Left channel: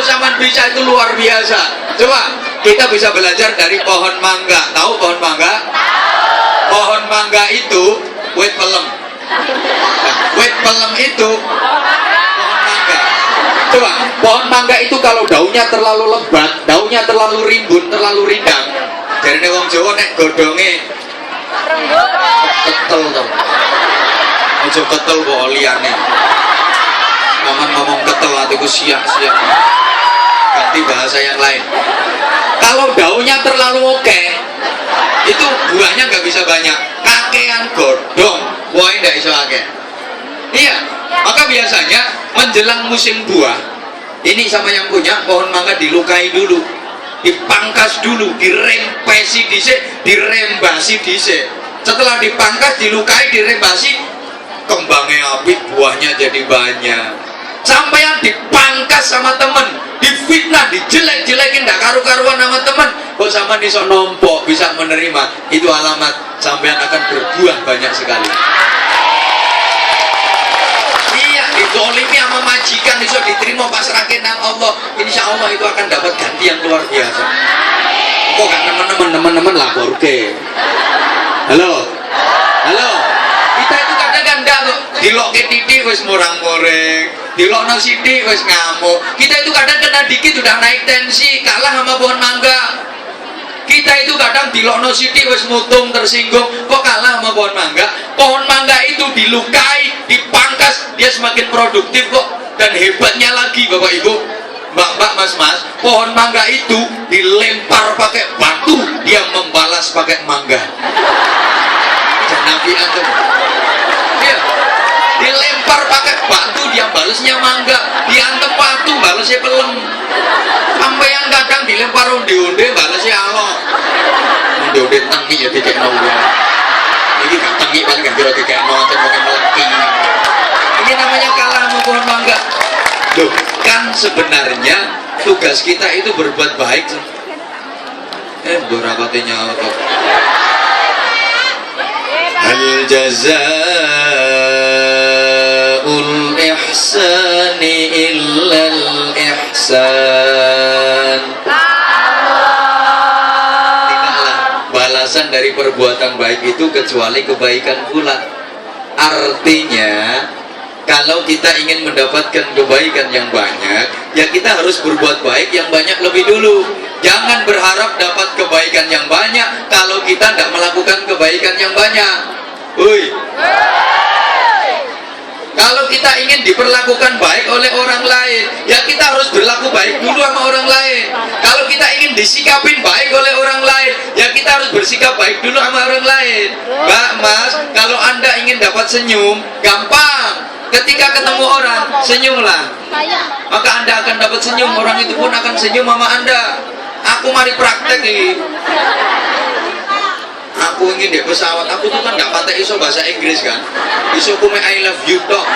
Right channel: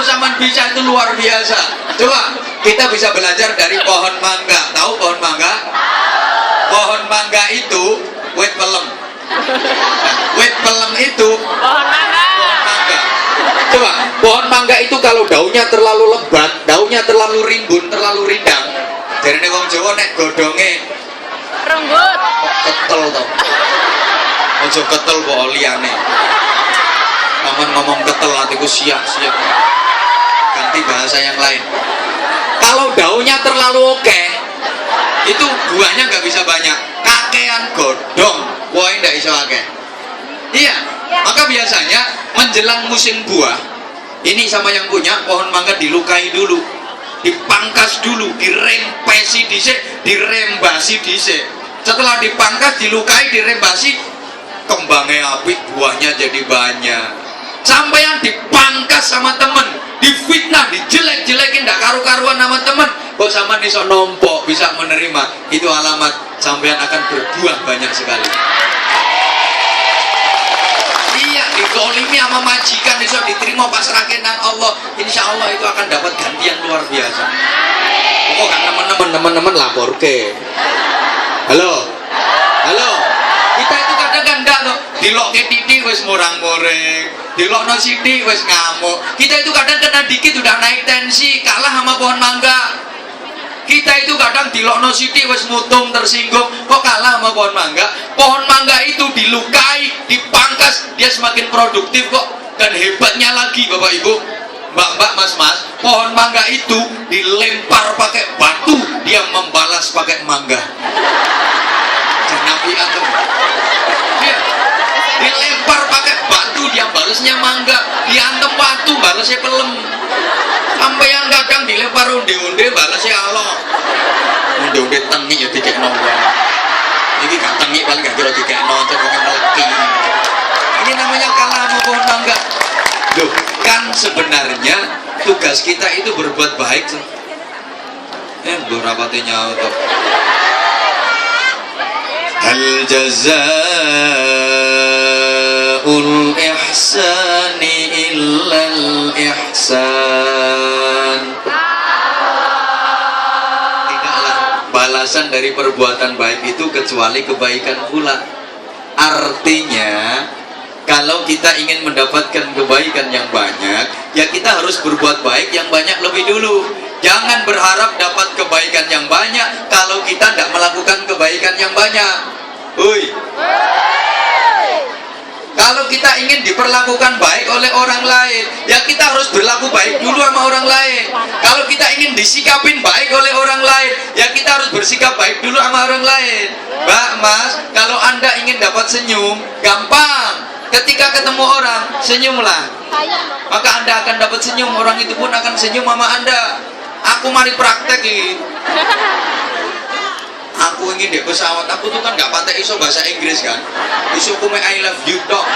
Kalau zaman bisa itu luar biasa. Coba kita bisa belajar dari pohon mangga. Tahu pohon mangga? Pohon mangga itu wit pelem. Nah, wit pelem itu pohon mangga. Coba pohon mangga itu kalau daunnya terlalu lebat, daunnya terlalu rimbun, terlalu rindang. Jarine wong Jawa nek godhonge rembut ketel to. Aja ketel kok liyane. Aman ngomong ketel atiku siap-siap. Ganti bahasa yang lain. Kalau daunnya terlalu oke, itu buahnya nggak bisa banyak. Kakean godhong, buahnya nggak bisa akeh. Iya, maka biasanya menjelang musim buah, ini sama yang punya pohon mangga dilukai dulu, dipangkas dulu, dirempesi dhisik, dirembasi dhisik. Setelah dipangkas, dilukai, dirembasi, kembangnya apik, buahnya jadi banyak. Sampai yang dipangkas sama temen, difitnah, dijelek-jelekin, ndak karu-karuan sama temen, kok sama iso nombok, bisa menerima, itu alamat sampean akan berbuah banyak sekali. Iya, dizolimi sama majikan, iso diterima pasrahke nang Allah, insya Allah itu akan dapat ganti yang luar biasa. Kok kan teman-teman lapor ke? Halo, halo. Kita itu kadang kan enggak tuh, dilokke titik wis murang-muring, dilokno sithik wis ngamuk. Kita itu kadang kena dikit udah naik tensi, kalah sama pohon mangga. Kita itu kadang dilokno sithik wis mutung tersinggung, kok kalah sama pohon mangga. Pohon mangga itu dilukai, dipangkas, dia semakin produktif kok. Dan hebatnya lagi Bapak Ibu, Mbak-mbak, Mas-mas, pohon mangga itu dilempar pakai batu, dia membalas pakai mangga. Nabi antum. Iya. Dilempar pakai batu, dia balasnya mangga. Diantem batu, balasnya pelem. Sampeyan kadang dilempar onde-onde, balasnya Allah. Onde-onde tengi ya dikekno wong. Iki gak tengi paling gak kira dikekno cenderung meleki. Ini namanya kalah sama pohon mangga. Loh, kan sebenarnya tugas kita itu berbuat baik. Dorapate nyaut. Hal jazaa'ul ihsani illal ihsan. Tidaklah balasan dari perbuatan baik itu kecuali kebaikan pula. Artinya kalau kita ingin mendapatkan kebaikan yang banyak, ya kita harus berbuat baik yang banyak lebih dulu. Jangan berharap dapat kebaikan yang banyak kalau kita tidak melakukan kebaikan yang banyak. Hui. Kalau kita ingin diperlakukan baik oleh orang lain, ya kita harus berlaku baik dulu sama orang lain. Kalau kita ingin disikapin baik oleh orang lain, ya kita harus bersikap baik dulu sama orang lain. Mbak, Mas, kalau Anda ingin dapat senyum, gampang. Ketika ketemu orang, senyumlah. Maka Anda akan dapat senyum, orang itu pun akan senyum sama Anda. Aku mari praktek ini. Aku ingin di pesawat, aku tuh kan gak patek iso bahasa Inggris kan. Iso kume I love you tok.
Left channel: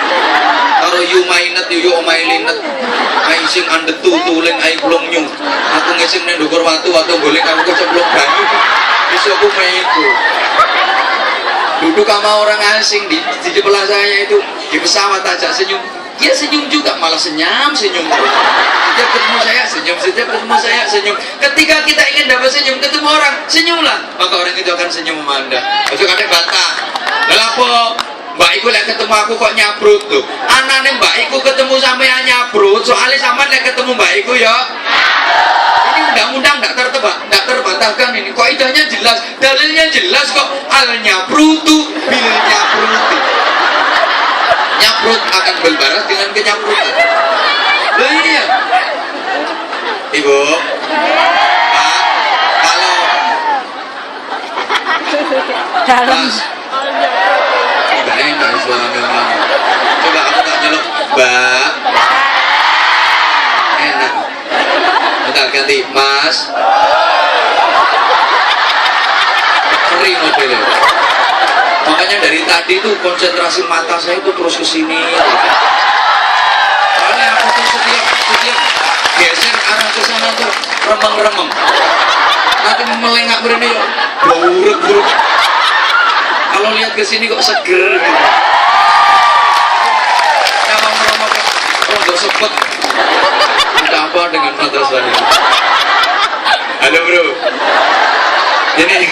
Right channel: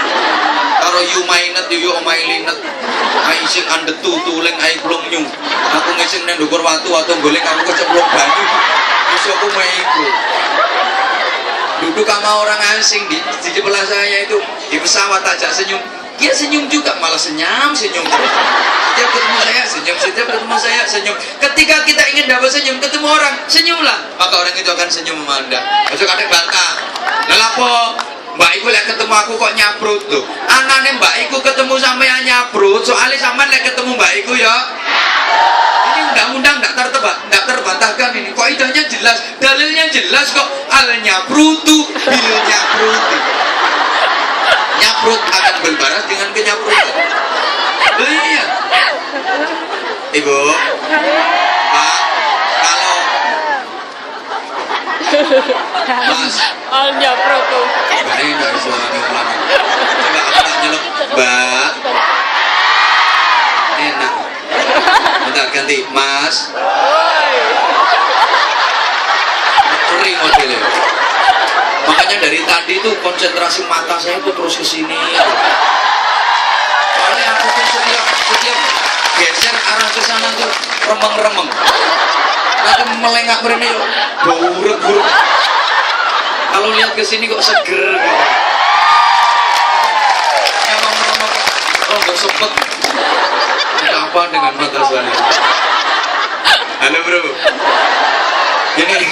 Karo you mainet, you mainet. I ising ande tutuling I belum nyu. Aku ngising nang ndukur watu golek aku kecemplung banyu. Iso kume iku. Duduk sama orang asing di sebelah saya itu di pesawat ajak senyum, dia senyum juga, malah senyum terus. Setiap ketemu saya senyum, setiap ketemu saya senyum. Ketika kita ingin dapat senyum, ketemu orang, senyumlah, maka orang itu akan senyum sama Anda. Masuk kadek bantah, lelapo Mbak Iku lek ketemu aku kok nyabrut tuh. Anane Mbak Iku ketemu sampean nyabrut, soalnya sampean lek ketemu Mbak Iku ya. Ini undang-undang tidak terbantahkan ini. Kok idahnya jelas, dalilnya jelas kok. Al nyabrutu bil nyabruti. Nyabrut akan berbaras dengan kenyabrutan. Loh iya. Ibu, Pak, kalau Mas, al nyabrutu. Gak enak suaranya orang. Coba aku tak nyelok, Mbak. Enak. Bentar ganti, Mas. Kering modelnya. Makanya dari tadi tuh konsentrasi mata saya tuh terus ke sini. Soalnya aku tuh setiap geser arah ke sana tuh remeng-remeng. Nanti melengak berani yuk, buruk. Kalau lihat ke sini kok seger gitu. Nyawang-nyawang rondo sepet. Ada apa apa dengan mata saya? Halo bro, ini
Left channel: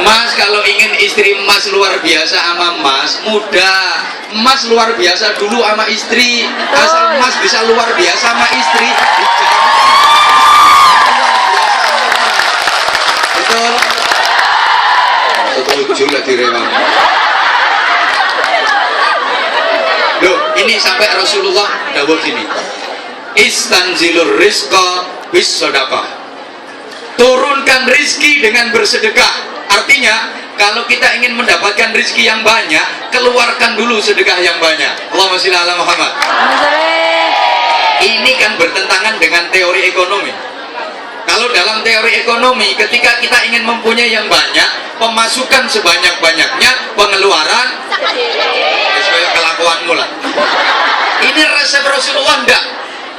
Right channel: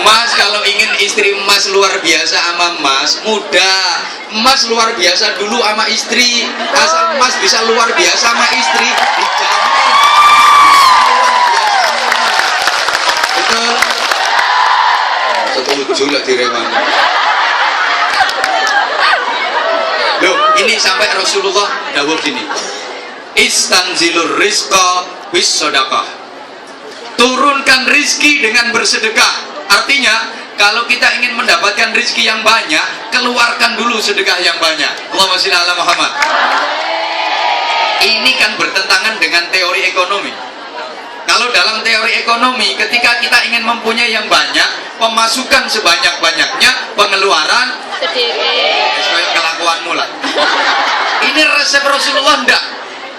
Mas kalau ingin istri Mas luar biasa sama Mas, mudah. Mas luar biasa dulu sama istri. Asal Mas bisa luar biasa sama istri, dijamin luar biasa sama Mas. Betul? Setuju lah direwang. Loh, ini sampai Rasulullah dawuh gini. Istanzilur rizqa bis sedekah. Turunkan rizki dengan bersedekah. Artinya, kalau kita ingin mendapatkan rizki yang banyak, keluarkan dulu sedekah yang banyak. Allahumma sholli ala Muhammad. Ini kan bertentangan dengan teori ekonomi. Kalau dalam teori ekonomi, ketika kita ingin mempunyai yang banyak, pemasukan sebanyak-banyaknya, pengeluaran sesuai kelakuanmu lah. Ini resep Rasulullah enggak.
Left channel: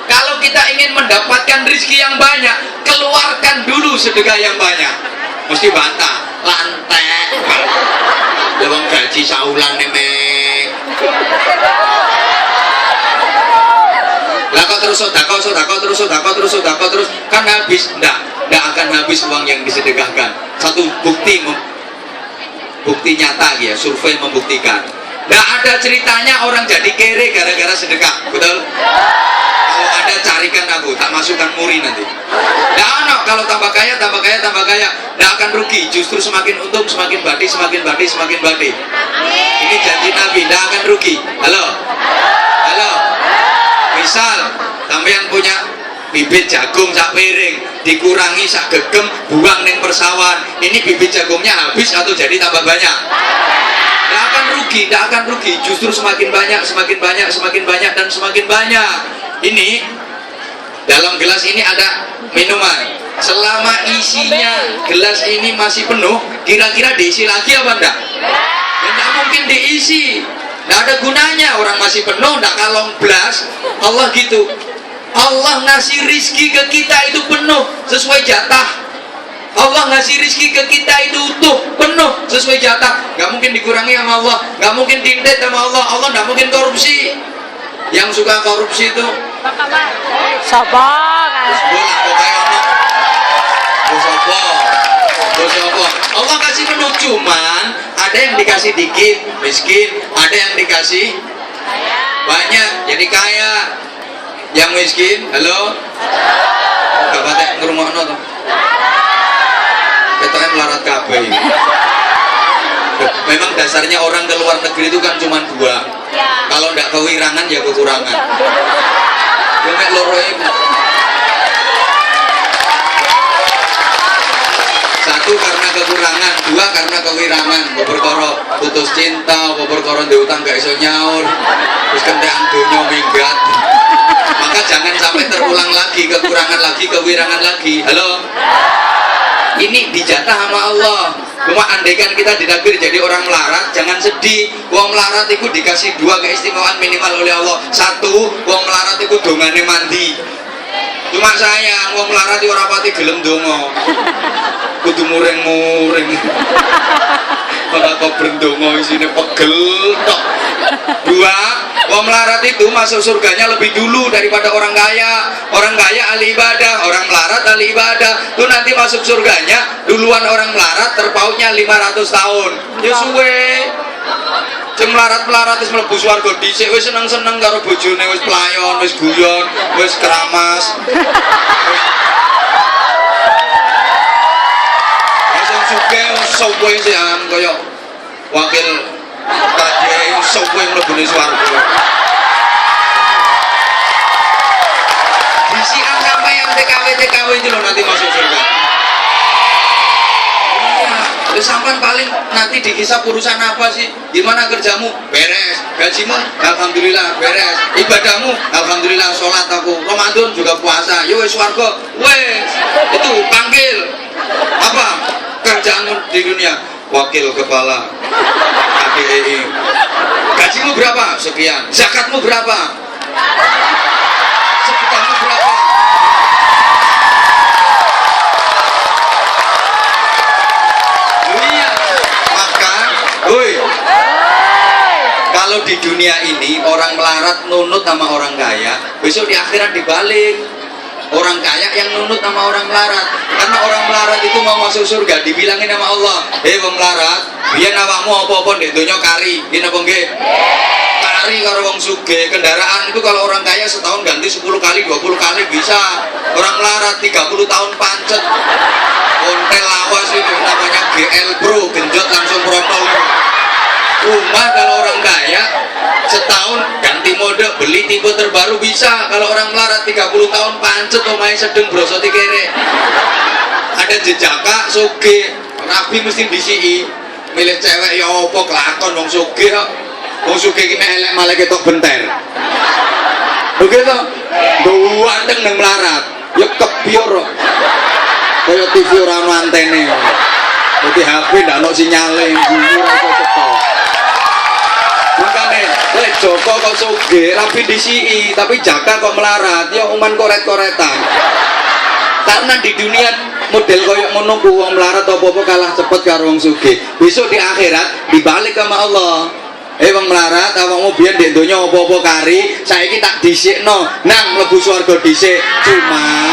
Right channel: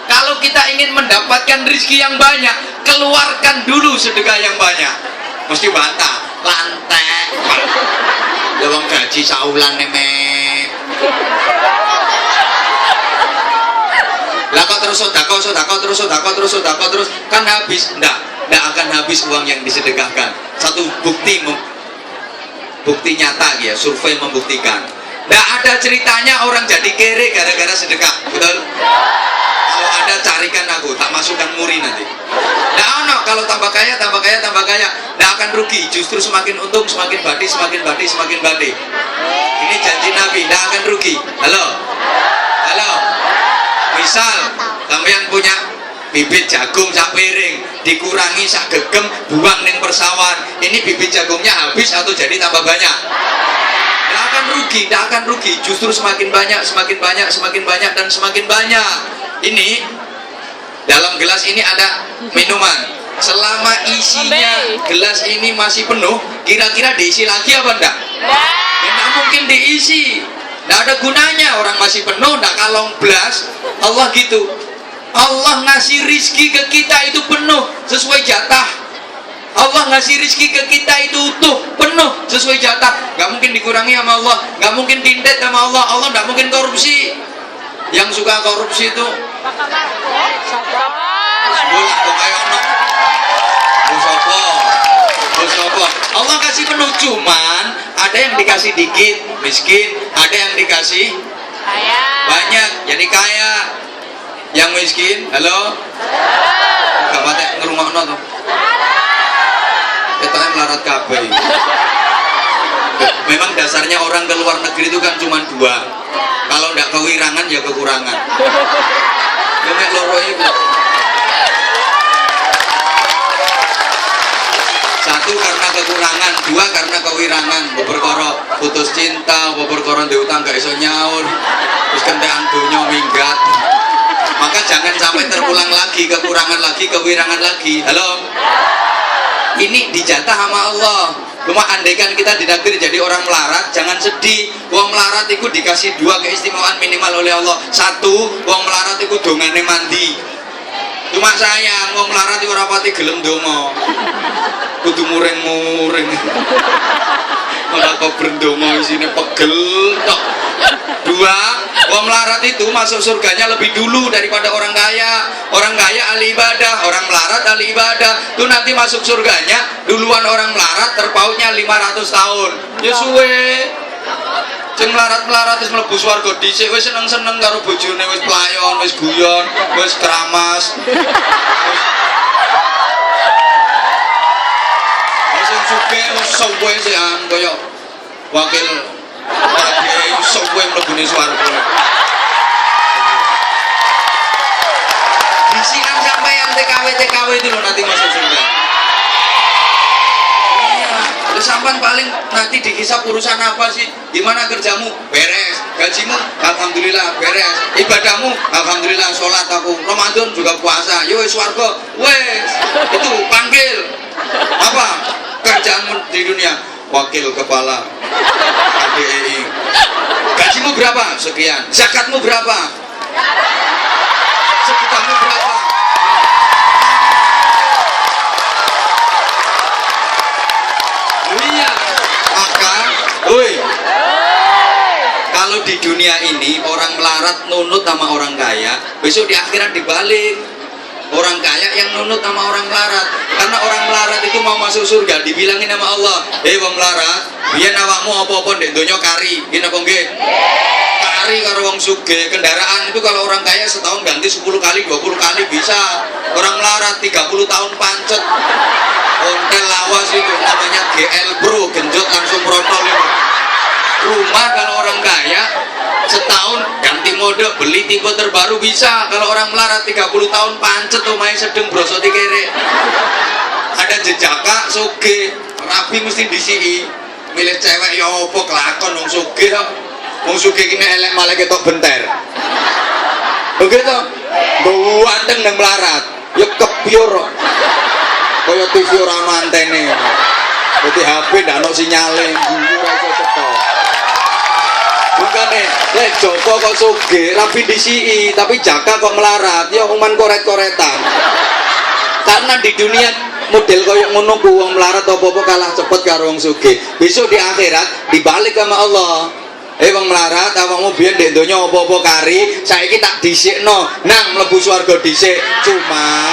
Kalau kita ingin mendapatkan rizki yang banyak, keluarkan dulu sedekah yang banyak. Mesti bantah, lantek. Lewang gaji saulan nemek. Lah kok terus terus kan habis. Enggak akan habis uang yang disedekahkan. Satu bukti nyata ya, survei membuktikan. Enggak ada ceritanya orang jadi kere gara-gara sedekah, betul? Kalau ada carikan aku, tak masukkan muri nanti. Nah, kalau tambah kaya, nggak akan rugi, justru semakin untung, semakin badi. Ini janji Nabi, nggak akan rugi. Halo, misal sampean punya bibit jagung sak piring, dikurangi sak gegem, buang ning persawahan. Ini bibit jagungnya habis atau jadi tambah banyak? Nggak akan rugi, justru semakin banyak dan semakin banyak. Ini dalam gelas ini ada minuman. Selama isinya gelas ini masih penuh, kira-kira diisi lagi apa enggak? Ya enggak mungkin diisi. Enggak ada gunanya, orang masih penuh, enggak kalong blas. Allah gitu. Allah ngasih rizki ke kita itu penuh sesuai jatah. Allah ngasih rizki ke kita itu utuh, penuh sesuai jatah. Enggak mungkin dikurangi sama Allah, enggak mungkin dindet sama Allah. Allah enggak mungkin korupsi. Yang suka korupsi itu Allah kasih penuh, cuman ada yang dikasih dikit miskin, ada yang dikasih banyak jadi kaya. Yang miskin, halo, gak patek ngerungokno toh, kita kan melarat kabeh. Memang dasarnya orang ke luar negeri itu kan cuma dua, kalau tidak kewirangan ya kekurangan. Ya nek loro iku. Satu karena kekurangan, dua karena kewirangan. Perkara putus cinta, perkara ndek utang gak iso nyaur, terus kentekan donya minggat. Maka jangan sampai terulang lagi, kekurangan lagi, kewirangan lagi. Halo. Ini dijatah sama Allah. Cuma andaikan kita ditakdir jadi orang melarat, jangan sedih. Wong melarat itu dikasih dua keistimewaan minimal oleh Allah. Satu, wong melarat itu dongane mandi. Cuma sayang, wong melarat itu ora pati gelem donga. Kudu muring-muring. Ora kok berdonga isine pegel tok. Dua, wong melarat itu masuk surganya lebih dulu daripada orang kaya. Orang kaya ahli ibadah, orang melarat ahli ibadah. Itu nanti masuk surganya duluan orang melarat, terpautnya 500 tahun. Ya suwe. Sing melarat-melarat wis mlebu swarga dhisik, wis seneng-seneng karo bojone, wis pelayon, wis guyon, wis keramas. Sing sugih suwe sean kaya wakil Kiai suwe mlebune swarga. Disikan sampai yang TKW itu loh nanti masuk surga. Terus sampan paling nanti dikisah urusan apa sih? Gimana kerjamu? Beres. Gajimu? Alhamdulillah beres. Ibadahmu? Alhamdulillah sholat aku. Ramadan juga puasa. Yo swarga. Wes. Itu panggil. Apa? Kerjaanmu di dunia? Wakil kepala KDI. Gajimu berapa? Sekian. Zakatmu berapa? Sedekahmu berapa? Iya. Maka, woi, kalau di dunia ini orang melarat nunut sama orang kaya, besok di akhirat dibalik. Orang kaya yang nunut sama orang melarat. Karena orang melarat itu mau masuk surga, dibilangin sama Allah, wong melarat, biyen awakmu apa-apa ndek donya kari. Nggih napa nggih? Kari karo wong sugih. Kendaraan itu kalau orang kaya setahun ganti 10 kali, 20 kali bisa. Orang melarat 30 tahun pancet. Ontel lawas itu namanya GL Bro, genjot langsung protol itu. Rumah kalau orang kaya setahun ganti mode, beli tipe terbaru bisa. Kalau orang melarat 30 tahun pancet omahe sedeng brosoti kere. Ada jejaka soge, rabi mesti disii. Milih cewek ya opo kelakon wong soge kok. Wong soge ki nek elek malah ketok benter. Lho gitu. Duwanteng nang melarat. Ya kebior. Kaya TV ora ono antene. Dadi HP ndak ono sinyale, guyu ora iso cetok. Makane, Joko kok sugih, rapi disii, tapi Jaka kok melarat, ya uman koret-koretan. Karena di dunia model koyok ngono ku wong melarat apa-apa kalah cepet karo wong sugih. Besok di akhirat dibalik sama Allah. Wong melarat awakmu biyen ndek donya apa-apa kari, saiki tak dhisikno, nang mlebu swarga dhisik. Cuma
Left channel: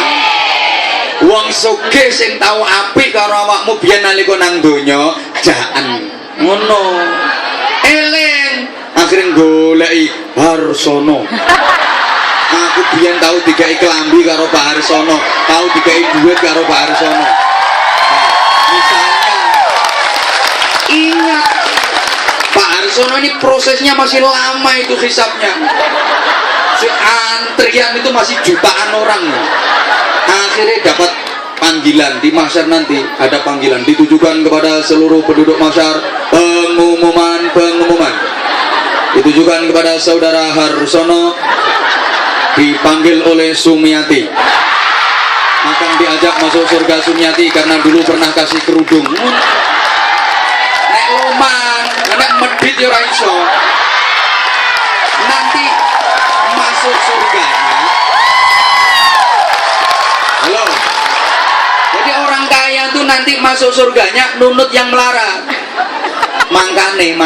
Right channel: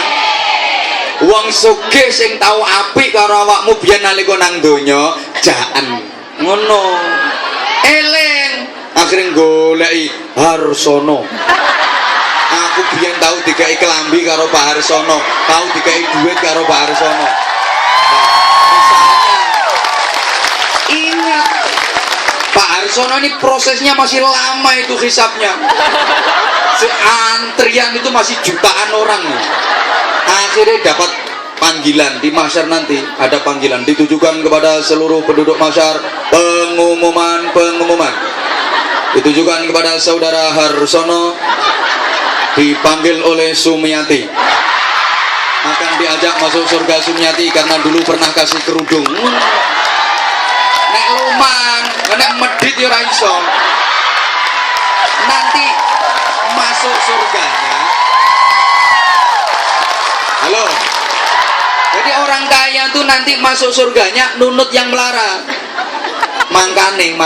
wong sugih sing tau apik karo awakmu biyen nalika nang donya, jaen. Ngono. Eling akhirnya goleki Harsono. Aku biyen tahu dikai kelambi karo Pak Harsono, tahu dikai duit karo Pak Harsono. Nah, misalnya ingat Pak Harsono ini prosesnya masih lama itu hisapnya. Antrian itu masih jutaan orang. Akhirnya dapat panggilan di mahsyar, nanti ada panggilan ditujukan kepada seluruh penduduk mahsyar. Pengumuman ditujukan kepada saudara Harsono, dipanggil oleh Sumiati, akan diajak masuk surga Sumiati karena dulu pernah kasih kerudung. Nek luman, nek medit ya ora iso. Nanti masuk surganya. Halo. Jadi orang kaya tuh nanti masuk surganya nunut yang melarat. Mangkane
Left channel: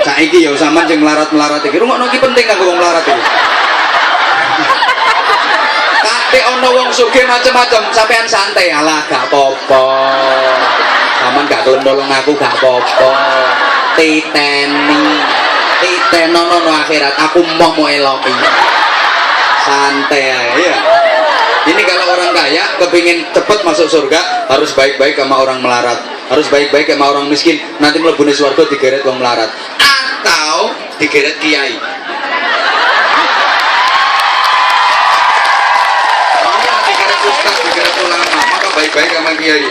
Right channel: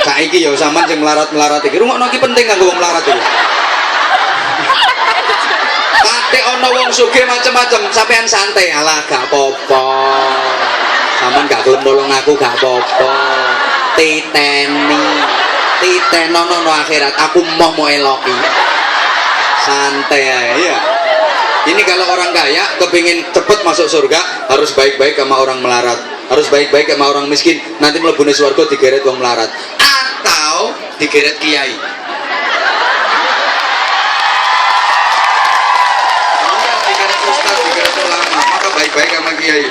saiki ya sampean sing melarat-melarat iki rungokno iki penting kanggo wong melarat iki. Kate ana wong sugih macem-macem, sampean santai, alah gak apa-apa. Sampeyan gak gelem nolong aku gak apa-apa. Titen ono akhirat aku mau eloki. Santai ae ya. Ini kalau orang kaya kepingin cepet masuk surga harus baik-baik sama orang melarat, harus baik-baik sama orang miskin. Nanti mlebune swarga digeret wong melarat atau digeret kiai. Iya, digeret ustaz, digeret ulama, maka baik-baik sama kiai.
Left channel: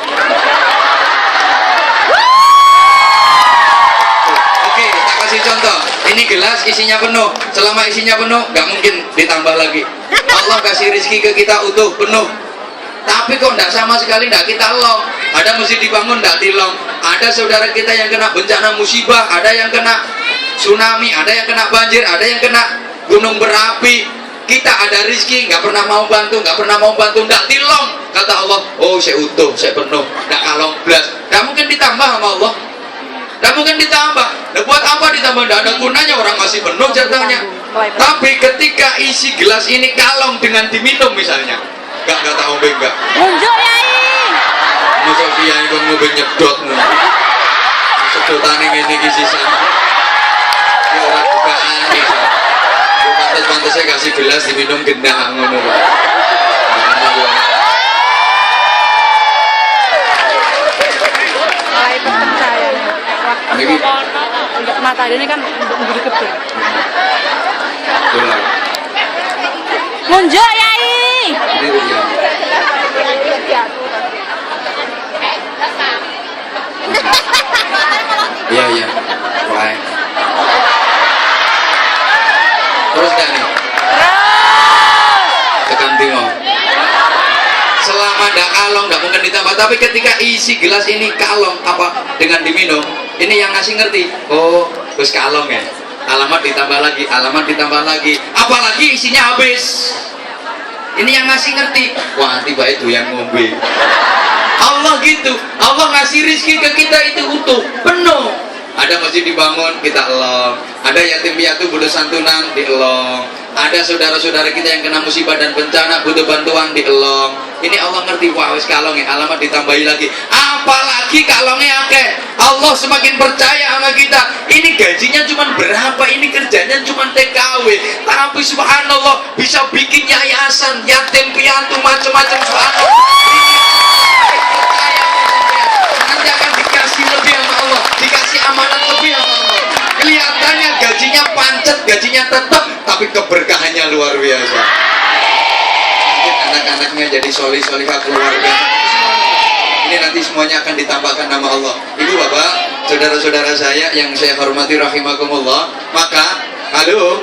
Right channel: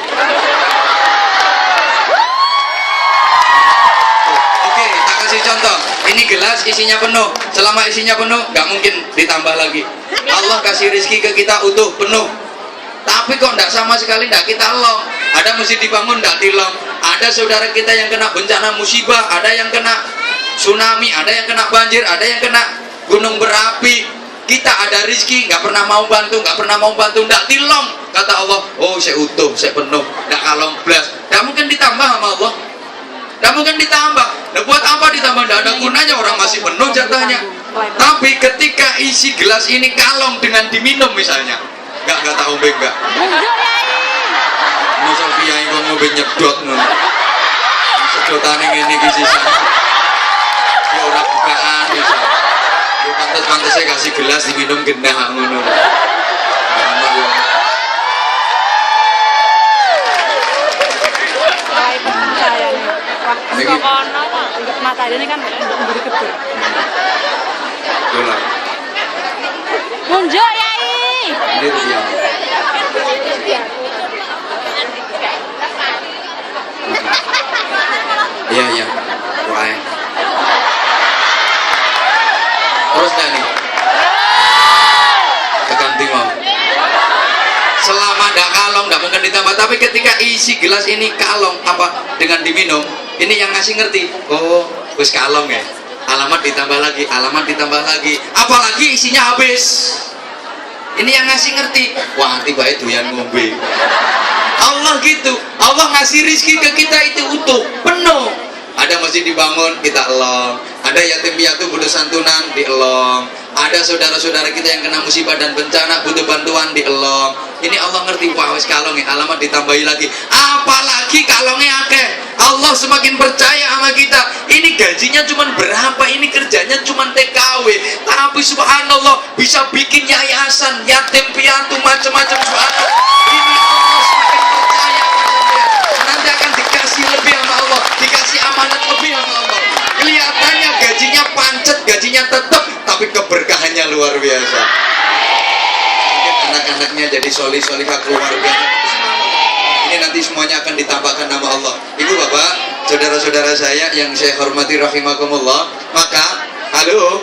Oke, tak kasih contoh. Ini gelas isinya penuh. Selama isinya penuh, nggak mungkin ditambah lagi. Allah kasih rezeki ke kita utuh penuh, tapi kok tidak sama sekali tidak kita long. Ada masjid dibangun tidak dilong, ada saudara kita yang kena bencana musibah, ada yang kena tsunami, ada yang kena banjir, ada yang kena gunung berapi. Kita ada rezeki nggak pernah mau bantu, tidak dilong. Kata Allah, oh saya utuh, saya penuh, tidak kalong belas. Tidak mungkin ditambah sama Allah, tidak mungkin ditambah. Nah, buat apa ditambah? Tidak ada gunanya, orang masih penuh jatahnya. Tapi ketika isi gelas ini kalong dengan diminum misalnya, nggak tak ombe nggak. Masa kiai kok ngombe nyedot ngono. Sedotane ngene iki sisa. Ya ora bukaan bisa. Ya pantes-pantese kasih gelas diminum gendah ngono lho. Mulai peteng saya nih. Mata ini kan menjadi kecil. Nunjuk Yai. Ini dia. Iya. Wah. Terus dah nih. Tekan timur. Selama tidak kalong, tidak mungkin ditambah. Tapi ketika isi gelas ini kalong apa dengan diminum, ini yang ngasih ngerti. Oh, terus kalong ya. Alamat ditambah lagi, apalagi isinya habis. Ini yang ngasih ngerti. Wah, tiba itu yang ngombe. Allah gitu. Allah ngasih rezeki ke kita itu utuh, penuh. Ada masjid dibangun, kita elong. Ada yatim piatu butuh santunan, dielong. Ada saudara-saudara kita yang kena musibah dan bencana butuh bantuan, dielong. Ini Allah ngerti, wah wis kalong ya, alamat ditambahi lagi. Apalagi kalongnya akeh. Allah semakin percaya sama kita. Ini gajinya cuma berapa, ini kerjanya cuma TKW. Tapi subhanallah bisa bikin yayasan, yatim piatu macam-macam, subhanallah. Ini Allah semakin percaya sama kita. Nanti akan dikasih lebih sama Allah, dikasih amanat lebih sama Allah. Kelihatannya gajinya pancet, gajinya tetap, tapi keberkahannya luar biasa. Anak-anaknya jadi solih-solihah keluarga. Ini nanti semuanya akan ditampakkan nama Allah. Ibu bapak, saudara-saudara saya yang saya hormati rahimakumullah. Maka, halo.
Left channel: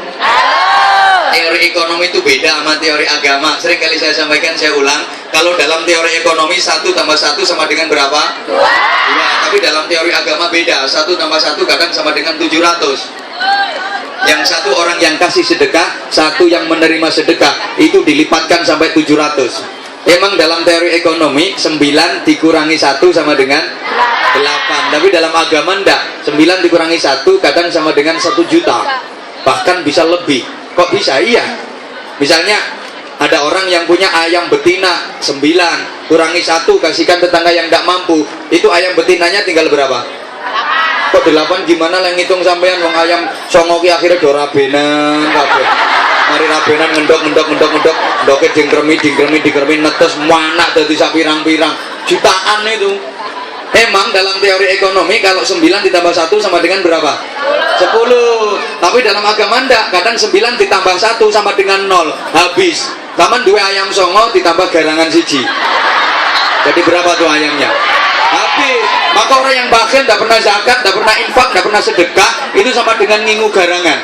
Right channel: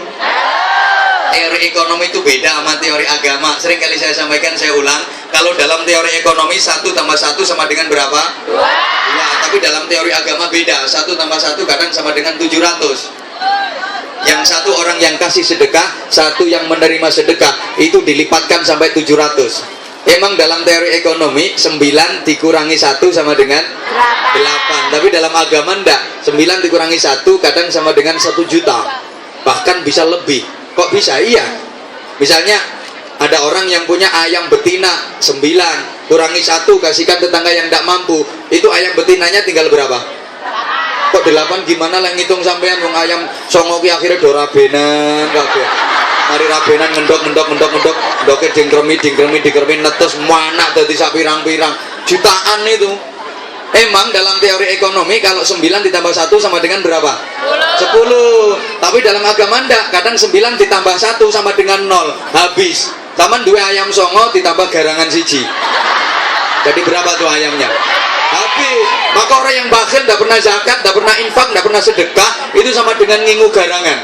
Teori ekonomi itu beda sama teori agama. Sering kali saya sampaikan, saya ulang. Kalau dalam teori ekonomi 1 tambah 1 sama dengan berapa? 2. Tapi dalam teori agama beda. 1 tambah 1 kadang sama dengan 700. Yang satu orang yang kasih sedekah, satu yang menerima sedekah, itu dilipatkan sampai 700. Emang dalam teori ekonomi 9 dikurangi 1 sama dengan 8. Tapi dalam agama enggak. 9 dikurangi 1 kadang sama dengan 1 juta. Bahkan bisa lebih. Kok bisa? Iya. Misalnya ada orang yang punya ayam betina 9, kurangi 1 kasihkan tetangga yang enggak mampu, itu ayam betinanya tinggal berapa? Kok 8 gimana yang ngitung sampean, wong ayam songo ki akhirnya do rabenan kabeh. Mari rabenan ngendok dingkremi netes manak dadi sak pirang-pirang jutaan itu. Emang dalam teori ekonomi kalau 9 ditambah 1 sama dengan berapa? 10. Tapi dalam agama ndak, kadang 9 ditambah 1 sama dengan 0, habis. Taman 2 ayam songo ditambah garangan siji. Jadi berapa tuh ayamnya? Habis. Maka orang yang bakhil, tidak pernah zakat, tidak pernah infak, tidak pernah sedekah, itu sama dengan ngingu garangan,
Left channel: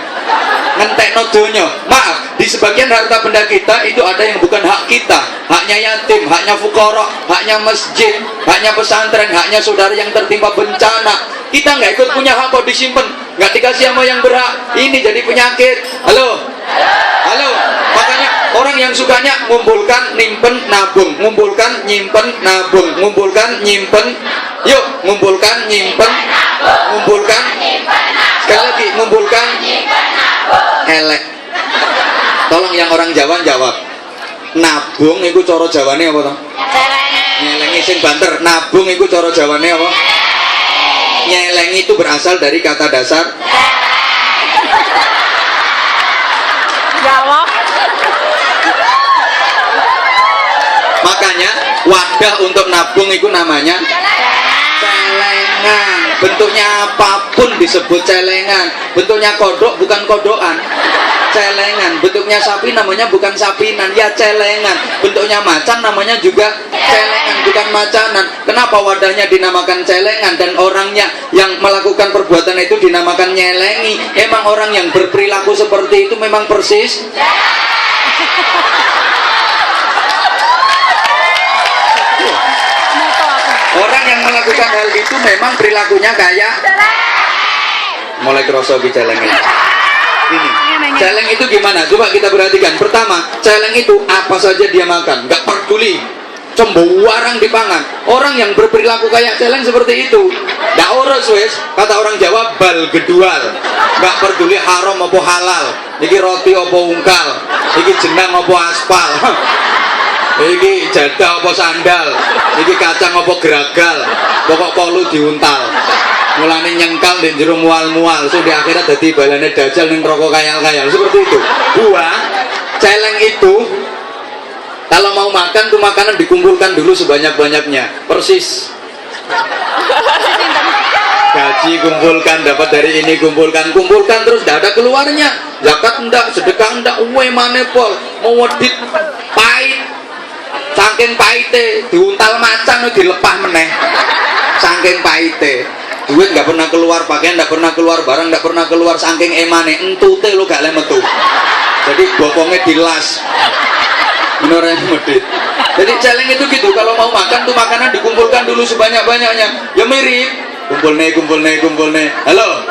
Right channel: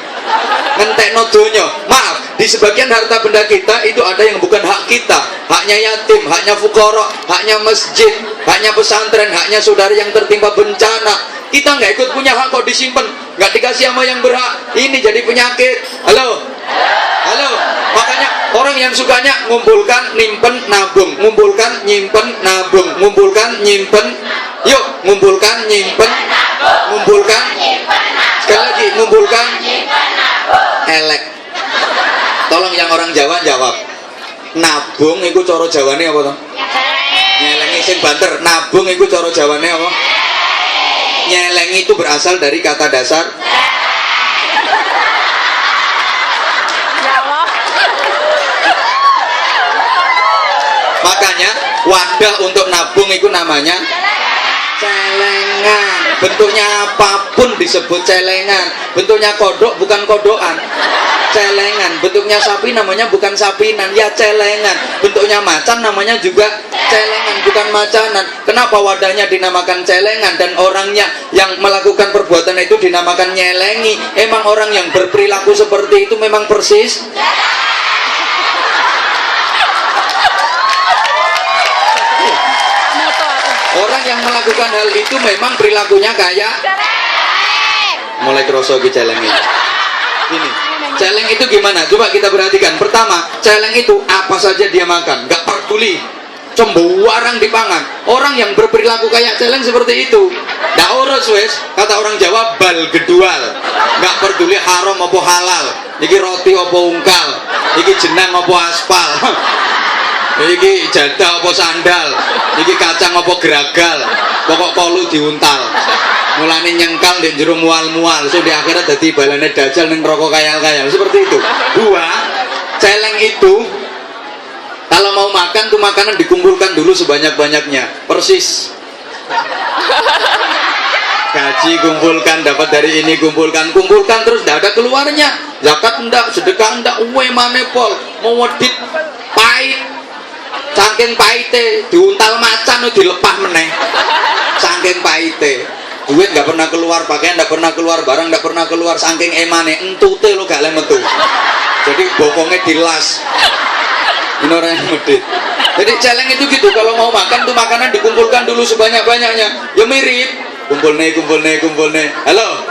ngentekno donya. Maaf, di sebagian harta benda kita itu ada yang bukan hak kita, haknya yatim, haknya fukara, haknya masjid, haknya pesantren, haknya saudara yang tertimpa bencana. Kita nggak ikut punya hak, kok disimpan, nggak dikasih sama yang berhak. Ini jadi penyakit. Halo, halo. Makanya orang yang sukanya ngumpulkan, nyimpen, nabung, ngumpulkan, nyimpen, nabung, ngumpulkan, nyimpen. Yuk, ngumpulkan, nyimpen, ngumpulkan. Sekali lagi, ngumpulkan, elek. Tolong yang orang Jawa jawab. Nabung itu cara Jawane apa toh? Nyelengi sing banter. Nabung itu cara Jawane apa? Nyelengi itu berasal dari kata dasar Jawa. Makanya wadah untuk nabung itu namanya celengan. Bentuknya apapun disebut celengan. Bentuknya kodok bukan kodokan, celengan. Bentuknya sapi namanya bukan sapinan, ya celengan. Bentuknya macan namanya juga celengan, bukan macanan. Kenapa wadahnya dinamakan celengan dan orangnya yang melakukan perbuatan itu dinamakan nyelengi? Emang orang yang berperilaku seperti itu memang persis orang yang melakukan hal itu memang perilakunya kayak mulai kerosok di celeng ini. Ini celeng itu gimana? Coba kita perhatikan. Pertama, celeng itu apa saja dia makan, nggak peduli, cembuarang dipangan. Orang yang berperilaku kayak celeng seperti itu, nggak urus wes. Kata orang Jawa, bal gedual, nggak peduli haram apa halal. Iki roti apa ungkal, iki jenang apa aspal. Iki jadah apa sandal, iki kacang apa geragal, pokok kolu diuntal. Mulane nyengkal di jero mual-mual, so di akhirat dadi balane dajal ning rokok kayal-kayal. Seperti itu. Celeng itu kalau mau makan tuh makanan dikumpulkan dulu sebanyak-banyaknya. Persis. Gaji kumpulkan, dapat dari ini kumpulkan terus tidak ada keluarnya. Zakat enggak, sedekah enggak, uwe manepol, mau wedit pahit. Saking paite diuntal macan dilepah meneh. Saking paite duit nggak pernah keluar, pakaian nggak pernah keluar, barang nggak pernah keluar, saking emane entute lo gak metu. Jadi bokongnya dilas. Ini orang yang medit. Jadi celeng itu gitu, kalau mau makan tuh makanan dikumpulkan dulu sebanyak-banyaknya. Ya mirip kumpul nih. Halo.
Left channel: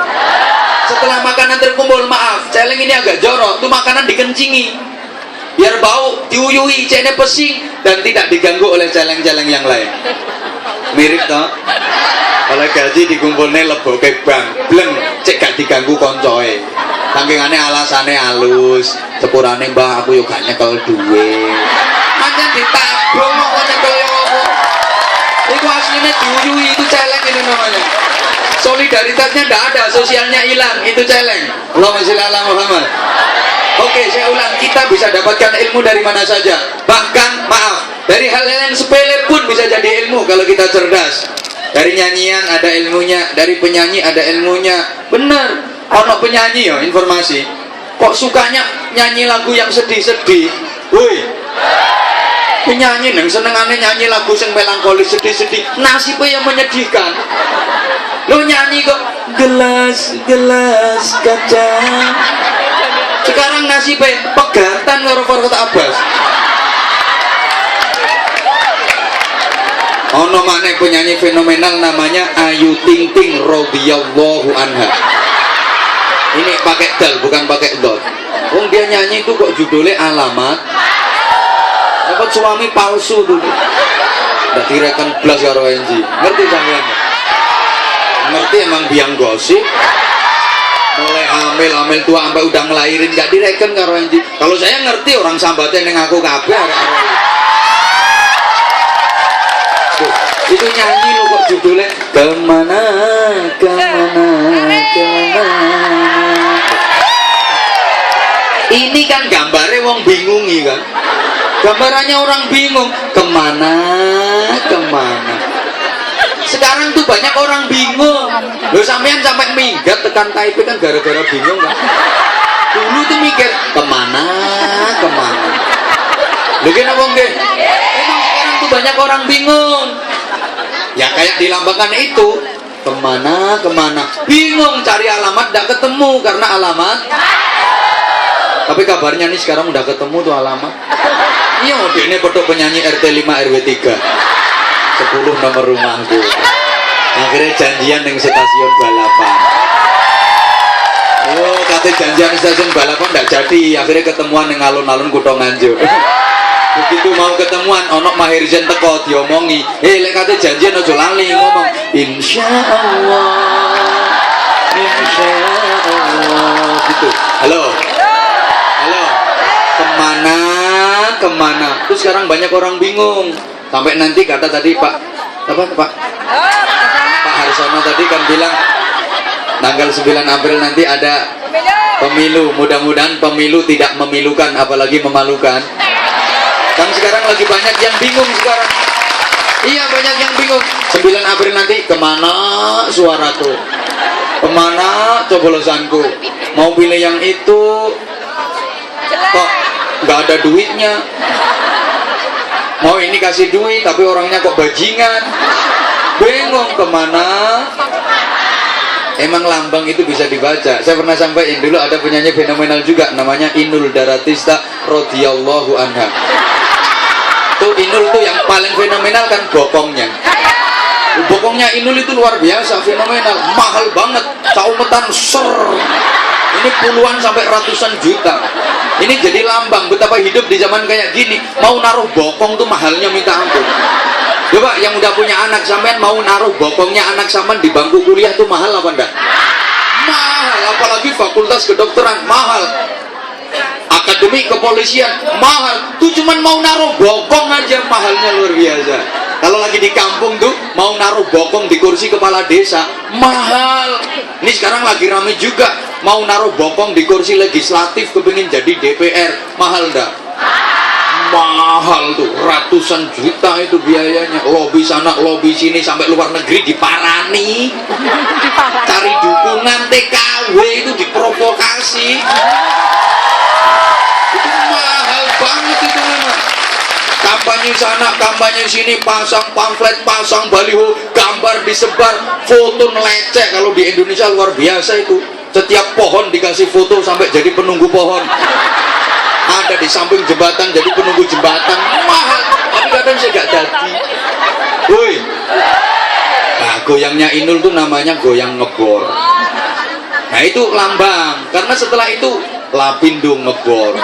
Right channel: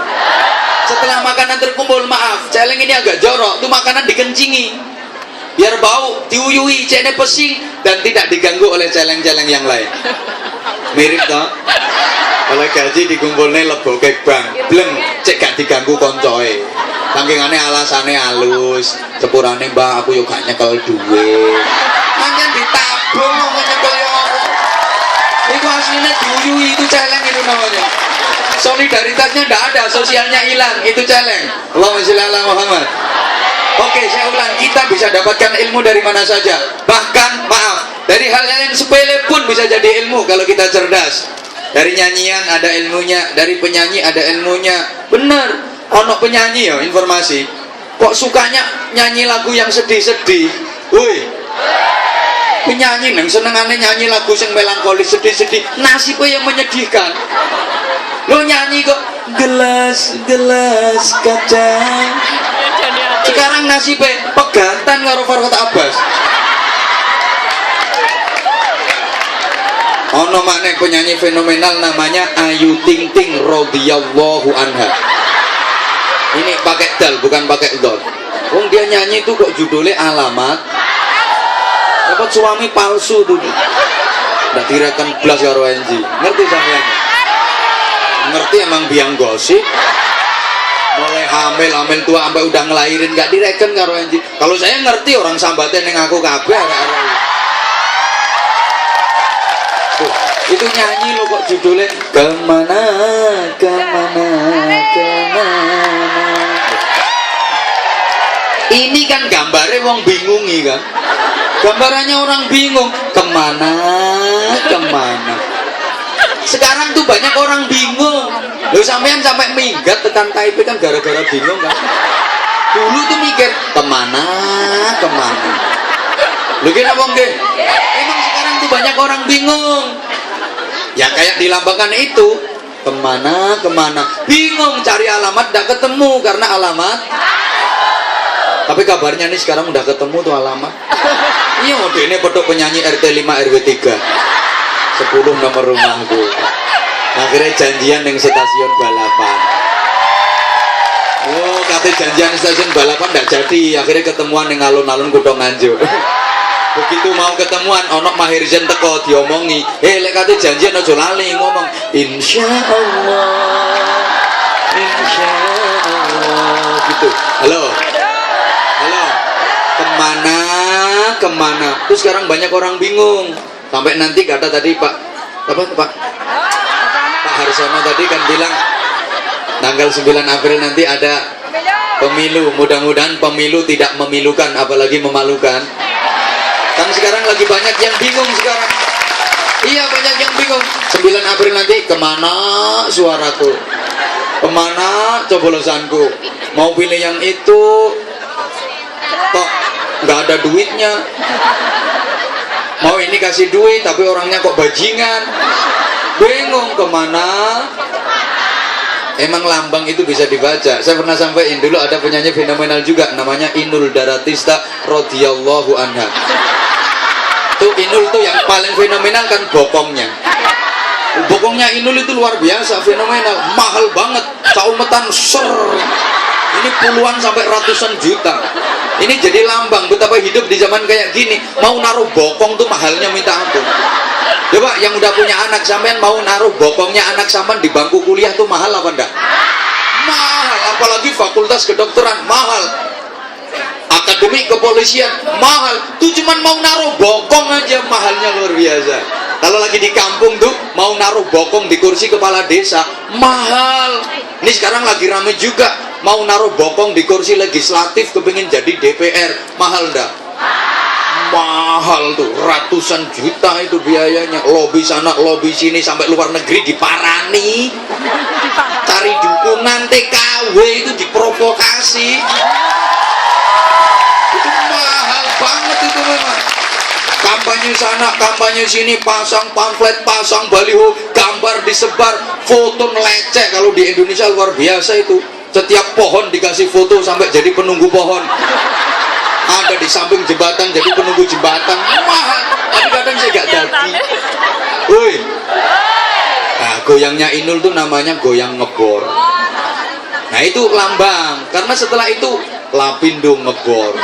Setelah makanan terkumpul, maaf, celeng ini agak jorok, tuh makanan dikencingi. Biar bau, diuyui, cene pesing dan tidak diganggu oleh celeng-celeng yang lain. Mirip toh? oleh gaji dikumpulne leboke bank bleng cek gak diganggu koncoe pangkingane alasane halus sepurane mbah aku yo gak nyekel duwe pancen ditabung kok nyekel yo apa iku asline diuyui itu celeng ini namanya solidaritasnya ndak ada sosialnya hilang itu celeng Allahumma sholli ala Muhammad. Oke, saya ulang, kita bisa dapatkan ilmu dari mana saja. Bahkan, maaf, dari hal yang sepele pun bisa jadi ilmu kalau kita cerdas. Dari nyanyian ada ilmunya, dari penyanyi ada ilmunya. Bener, ono penyanyi ya, informasi. Kok sukanya nyanyi lagu yang sedih-sedih? Woi, penyanyi yang senengannya nyanyi lagu yang melankolis, sedih-sedih. Nasibnya yang menyedihkan. Lo nyanyi kok gelas kaca. Sekarang nasibnya pegatan karo Farhad Abbas. Ono maneh penyanyi fenomenal namanya Ayu Ting Ting radhiyallahu anha. Ini pakai dal bukan pakai dot. Wong dia nyanyi itu kok judulnya Alamat. Dapat suami palsu tuh. Ndak direkan blas karo Enji. Ngerti sampean? Ngerti emang biang gosip. Mulai hamil tua sampai udah ngelahirin gak direken karo Enji. Kalau saya ngerti orang sambatnya ning aku kabeh arek-arek. Itu nyanyi lo kok judulnya kemana. Ini kan gambarnya wong bingungi kan. Gambarannya orang bingung kemana. Sekarang tuh banyak orang bingung. Lo sampean sampai minggat tekan Taipei kan gara-gara bingung kan. Dulu tuh mikir kemana. Lo kira wong ge? Emang sekarang tuh banyak orang bingung. Ya kayak dilambangkan itu kemana. Bingung cari alamat gak ketemu karena alamat. Tapi kabarnya nih sekarang udah ketemu tuh alamat. Iya mau ini foto penyanyi RT 5 RW 3. 10 nomor rumahku. Akhirnya janjian dengan stasiun balapan. Oh, kata janjian stasiun balapan tidak jadi. Akhirnya ketemuan dengan alun-alun Kutha Nganjuk. Begitu mau ketemuan, onok Maher Zain teko diomongi. Lek kata janjian ojo lali ngomong. Insya Allah. Gitu. Halo. Kemana? Terus sekarang banyak orang bingung. Sampai nanti kata tadi Pak Harsono tadi kan bilang tanggal 9 April nanti ada pemilu. Mudah-mudahan pemilu tidak memilukan apalagi memalukan. Kan sekarang lagi banyak yang bingung sekarang. Iya banyak yang bingung. 9 April nanti kemana suaraku? Kemana coblosanku? Mau pilih yang itu kok nggak ada duitnya. Mau ini kasih duit tapi orangnya kok bajingan. Bingung kemana. Emang lambang itu bisa dibaca. Saya pernah sampaikan dulu ada penyanyi fenomenal juga namanya Inul Daratista radhiyallahu anha. Tuh Inul tuh yang paling fenomenal kan bokongnya. Bokongnya Inul itu luar biasa fenomenal, mahal banget. Saumetan ser. Ini puluhan sampai ratusan juta. Ini jadi lambang betapa hidup di zaman kayak gini. Mau naruh bokong tuh mahalnya minta ampun. Coba yang udah punya anak sampean mau naruh bokongnya anak sampean di bangku kuliah tuh mahal apa enggak? Mahal, apalagi fakultas kedokteran mahal. Akademi kepolisian mahal. Tuh cuman mau naruh bokong aja mahalnya luar biasa. Kalau lagi di kampung tuh mau naruh bokong di kursi kepala desa mahal. Ini sekarang lagi rame juga mau naruh bokong di kursi legislatif kepingin jadi DPR mahal enggak? Mahal tuh ratusan juta itu biayanya. Lobi sana lobi sini sampai luar negeri diparani. Cari dukungan TKW itu diprovokasi. Itu mahal banget itu memang. Kampanye sana, kampanye sini, pasang pamflet, pasang baliho, gambar disebar, foto melecek. Kalau di Indonesia luar biasa itu. Setiap pohon dikasih foto sampai jadi penunggu pohon. Ada di samping jembatan jadi penunggu jembatan. Mahal, tapi kadang saya gak jadi. Woi. Nah, goyangnya Inul tuh namanya goyang ngebor. Nah, itu lambang. Karena setelah itu Lapindo ngebor.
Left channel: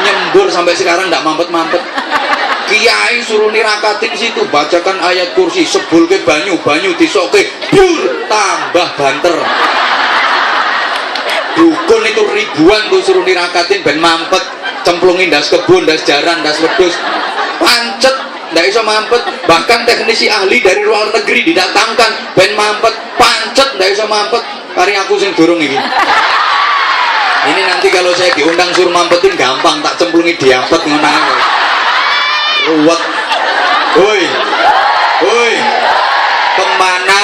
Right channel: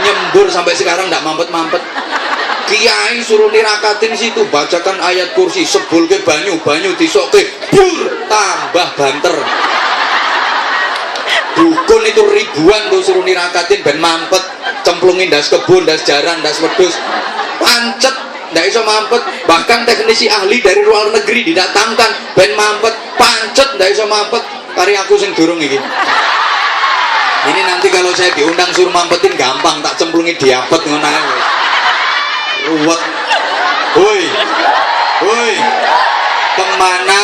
Nyembur sampai sekarang gak mampet-mampet. kiai suruh nirakatin situ, bacakan ayat kursi, sebul ke banyu disoke pur tambah banter. Dukun itu ribuan tuh suruh nirakatin ben mampet, cemplungin das kebun, das jaran, das wedus, pancet ndak iso mampet. Bahkan teknisi ahli dari luar negeri didatangkan ben mampet, pancet ndak iso mampet. Kari aku sing durung iki. Ini nanti kalau saya diundang suruh mampetin gampang, tak cemplungi diapet ngono ae. Ruwet. Woi. Kemana?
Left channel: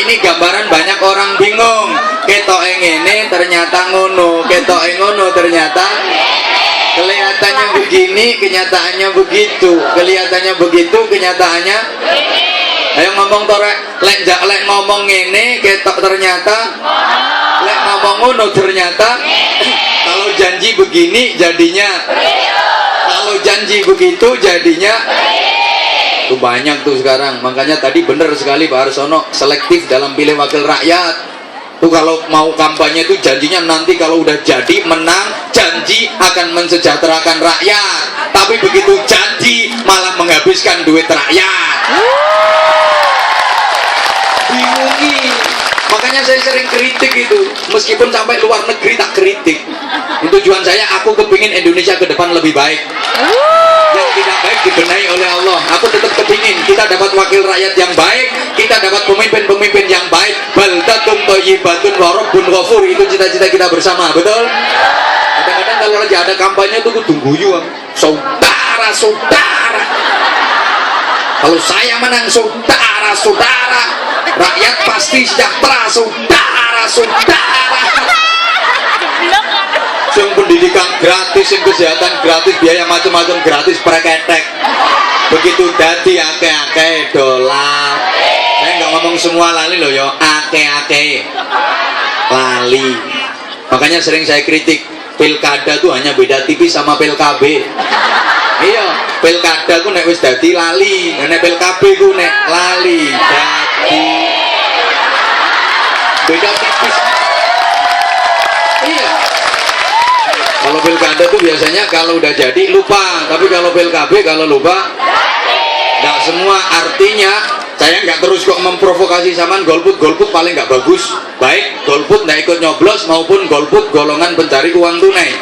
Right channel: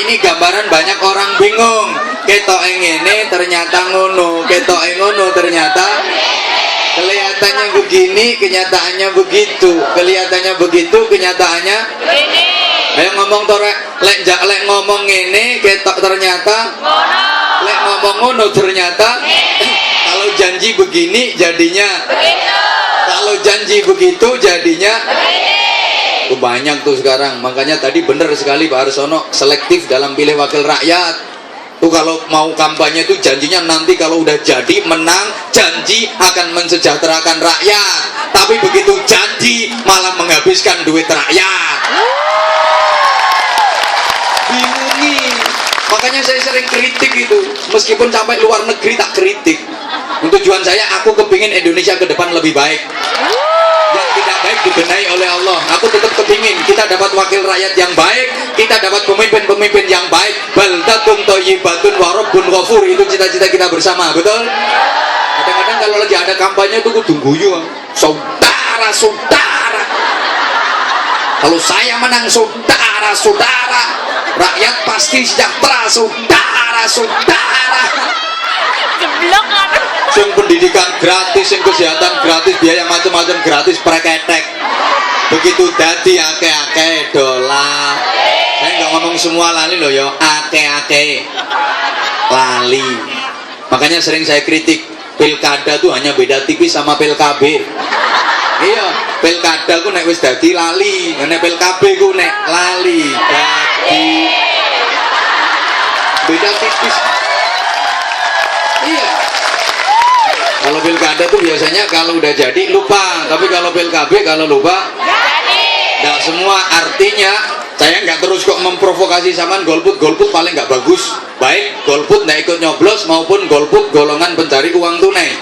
Ini gambaran banyak orang bingung. Ketoke ngene ternyata ngono, ketoke ngono ternyata kelihatannya begini, kenyataannya begitu. Kelihatannya begitu, kenyataannya begini. Ayo ngomong torek, lek ngomong ngene ketok ternyata lek ngomong ngono ternyata kalau janji begini jadinya kalau janji begitu jadinya tuh banyak tuh sekarang. Makanya tadi benar sekali Pak Arsono, selektif dalam pilih wakil rakyat tuh. Kalau mau kampanye tuh janjinya nanti kalau udah jadi menang janji akan mensejahterakan rakyat, tapi begitu janji malah menghabiskan duit rakyat. Bingungi. Makanya saya sering kritik itu, meskipun sampai luar negeri tak kritik. Tujuan saya, aku kepingin Indonesia ke depan lebih baik. Yang tidak baik dibenahi oleh Allah. Aku tetap kepingin kita dapat wakil rakyat yang baik, kita dapat pemimpin-pemimpin yang baik. Baldatun thayyibatun wa rabbun ghafur, itu cita-cita kita bersama, betul? Kadang-kadang kalau lagi ada kampanye itu kudu guyu, saudara-saudara. Kalau saya menang, saudara-saudara, rakyat pasti sejahtera, saudara-saudara. Yang pendidikan gratis, yang kesehatan gratis, biaya macam-macam gratis, preketek. Begitu dadi ake-ake dolar. Saya nggak ngomong semua lali loh yo, ake-ake lali. Makanya sering saya kritik, pilkada tuh hanya beda tipis sama PLKB. Iya, pilkada ku nek wis dadi lali, nek PLKB ku nek lali dadi beda tipis. Iya. Kalau pilkada tuh biasanya kalau udah jadi lupa, tapi kalau PLKB kalau lupa nggak semua. Artinya saya nggak terus kok memprovokasi saman golput paling nggak bagus. Baik golput nggak ikut nyoblos maupun golput golongan pencari uang tunai,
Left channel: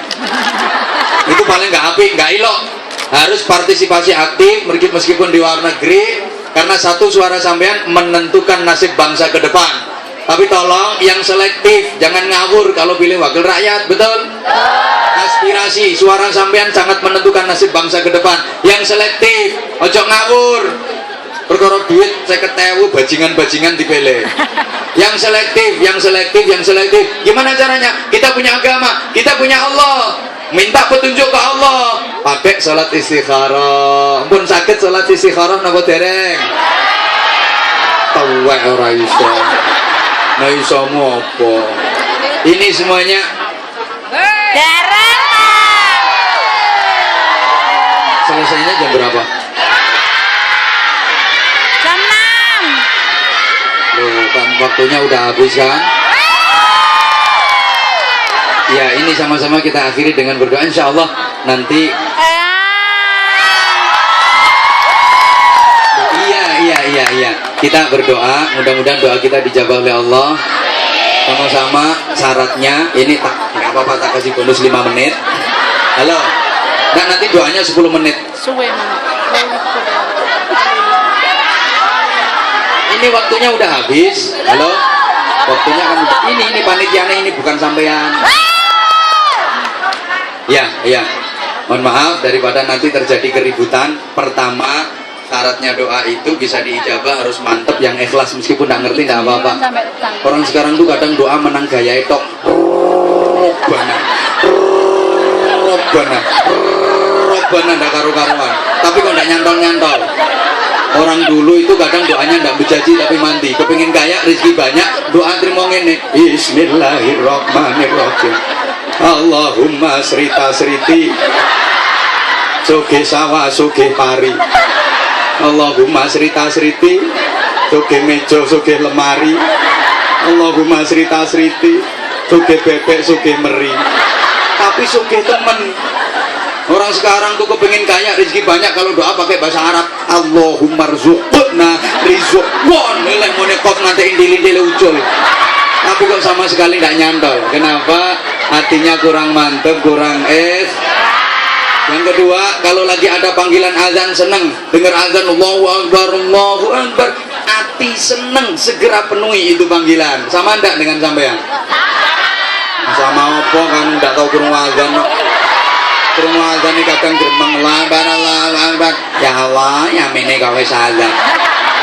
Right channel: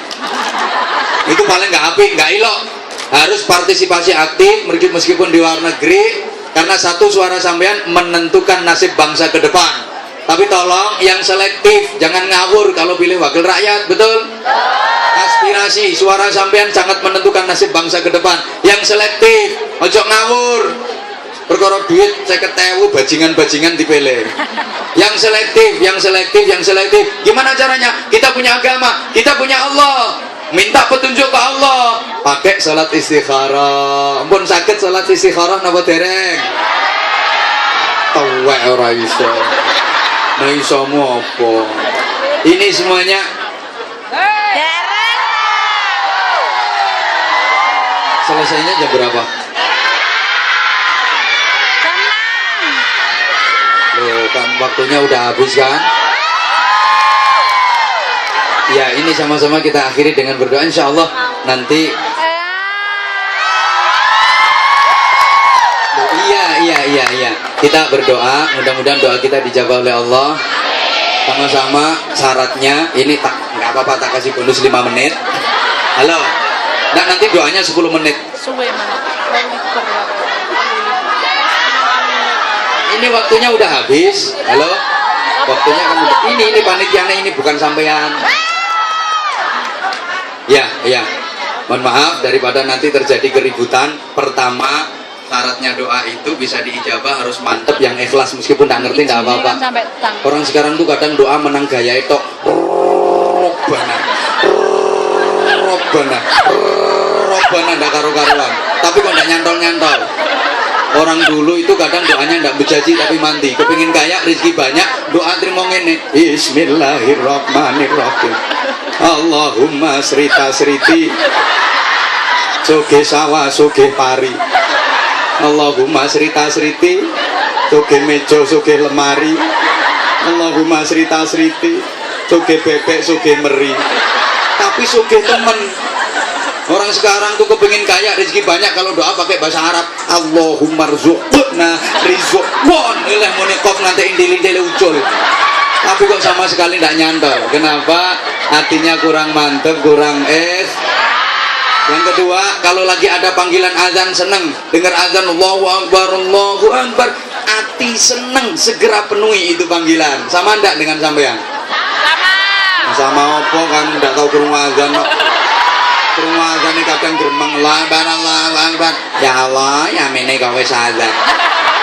itu paling nggak apik, nggak ilok. Harus partisipasi aktif meskipun di luar negeri, karena satu suara sampean menentukan nasib bangsa ke depan. Tapi tolong yang selektif, jangan ngawur kalau pilih wakil rakyat, betul? Aspirasi, suara sampean sangat menentukan nasib bangsa ke depan. Yang selektif, ojo ngawur. Perkara duit 50.000 bajingan-bajingan dipilih. Yang selektif. Gimana caranya? Kita punya agama, kita punya Allah. Minta petunjuk ke Allah. Pakai sholat istikharah. Pun sakit sholat istikharah napa dereng? Tuwek ora iso. Nah isomu apa? Ini semuanya selesainya jam berapa? Jam 6. Loh, kan waktunya udah habis kan? Ya, ini sama-sama kita akhiri dengan berdoa. Insya Allah nanti. Iya. Kita berdoa, mudah-mudahan doa kita dijawab oleh Allah. Sama-sama syaratnya ini nggak apa-apa, tak kasih bonus 5 menit. Halo. Nah, nanti doanya 10 menit. Suwe mana? Ini waktunya udah habis. Halo. Waktunya kan udah. Ini panitianya ini bukan sampean. Ya. Mohon maaf daripada nanti terjadi keributan. Pertama, syaratnya doa itu bisa diijabah harus mantep, yang ikhlas, meskipun nggak ngerti nggak apa-apa. Orang sekarang tuh kadang doa menang gaya itu Robbana ndak karu-karuan, tapi kok ndak nyantol. Orang dulu itu kadang doanya ndak bejaji tapi mandi, kepingin kaya rezeki banyak, doa terima ngene, Bismillahirrahmanirrahim, Allahumma srita-sriti soge sawah soge pari, Allahumma srita-sriti soge meja soge lemari, Allahumma srita-sriti soge bebek soge meri. Tapi soge temen Orang sekarang tuh kepengin kaya, rezeki banyak, kalau doa pakai bahasa Arab. Allahumma rzuqna rizqan. Nilai monekop nanti indil-indil ucul. Tapi kok sama sekali tidak nyantol. Kenapa? Hatinya kurang mantep, kurang Yang kedua, kalau lagi ada panggilan azan seneng, dengar azan Allahu Akbar, Allahu Akbar, hati seneng, segera penuhi itu panggilan. Sama ndak dengan sampean? Sama apa kan ndak tahu kurung azan. Kurung azan ini kadang gremeng lah, ya Allah, ya mene gawe azan.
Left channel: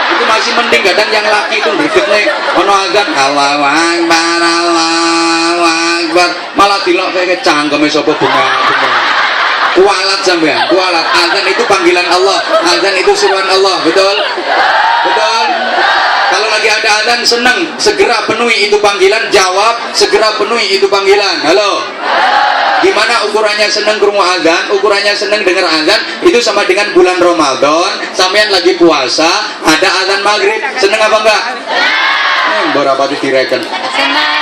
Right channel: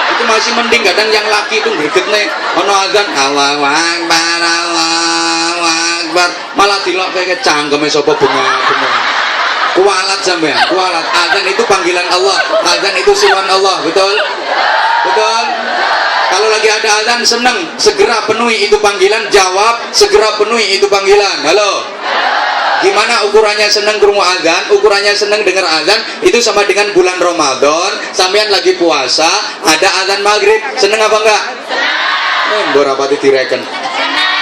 Itu masih mending, kadang yang laki itu greget nih, ono azan Allahu Akbar, Allahu Akbar, malah dilok kayak cangkeme sapa bunga. Kualat sampean, kualat. Azan itu panggilan Allah, azan itu suruhan Allah, betul? Betul? Kalau lagi ada azan senang, segera penuhi itu panggilan, jawab, segera penuhi itu panggilan. Halo? Gimana ukurannya senang krungu azan? Ukurannya senang dengar azan itu sama dengan bulan Ramadan, sampean lagi puasa, ada azan maghrib, senang apa enggak? Berapa direken?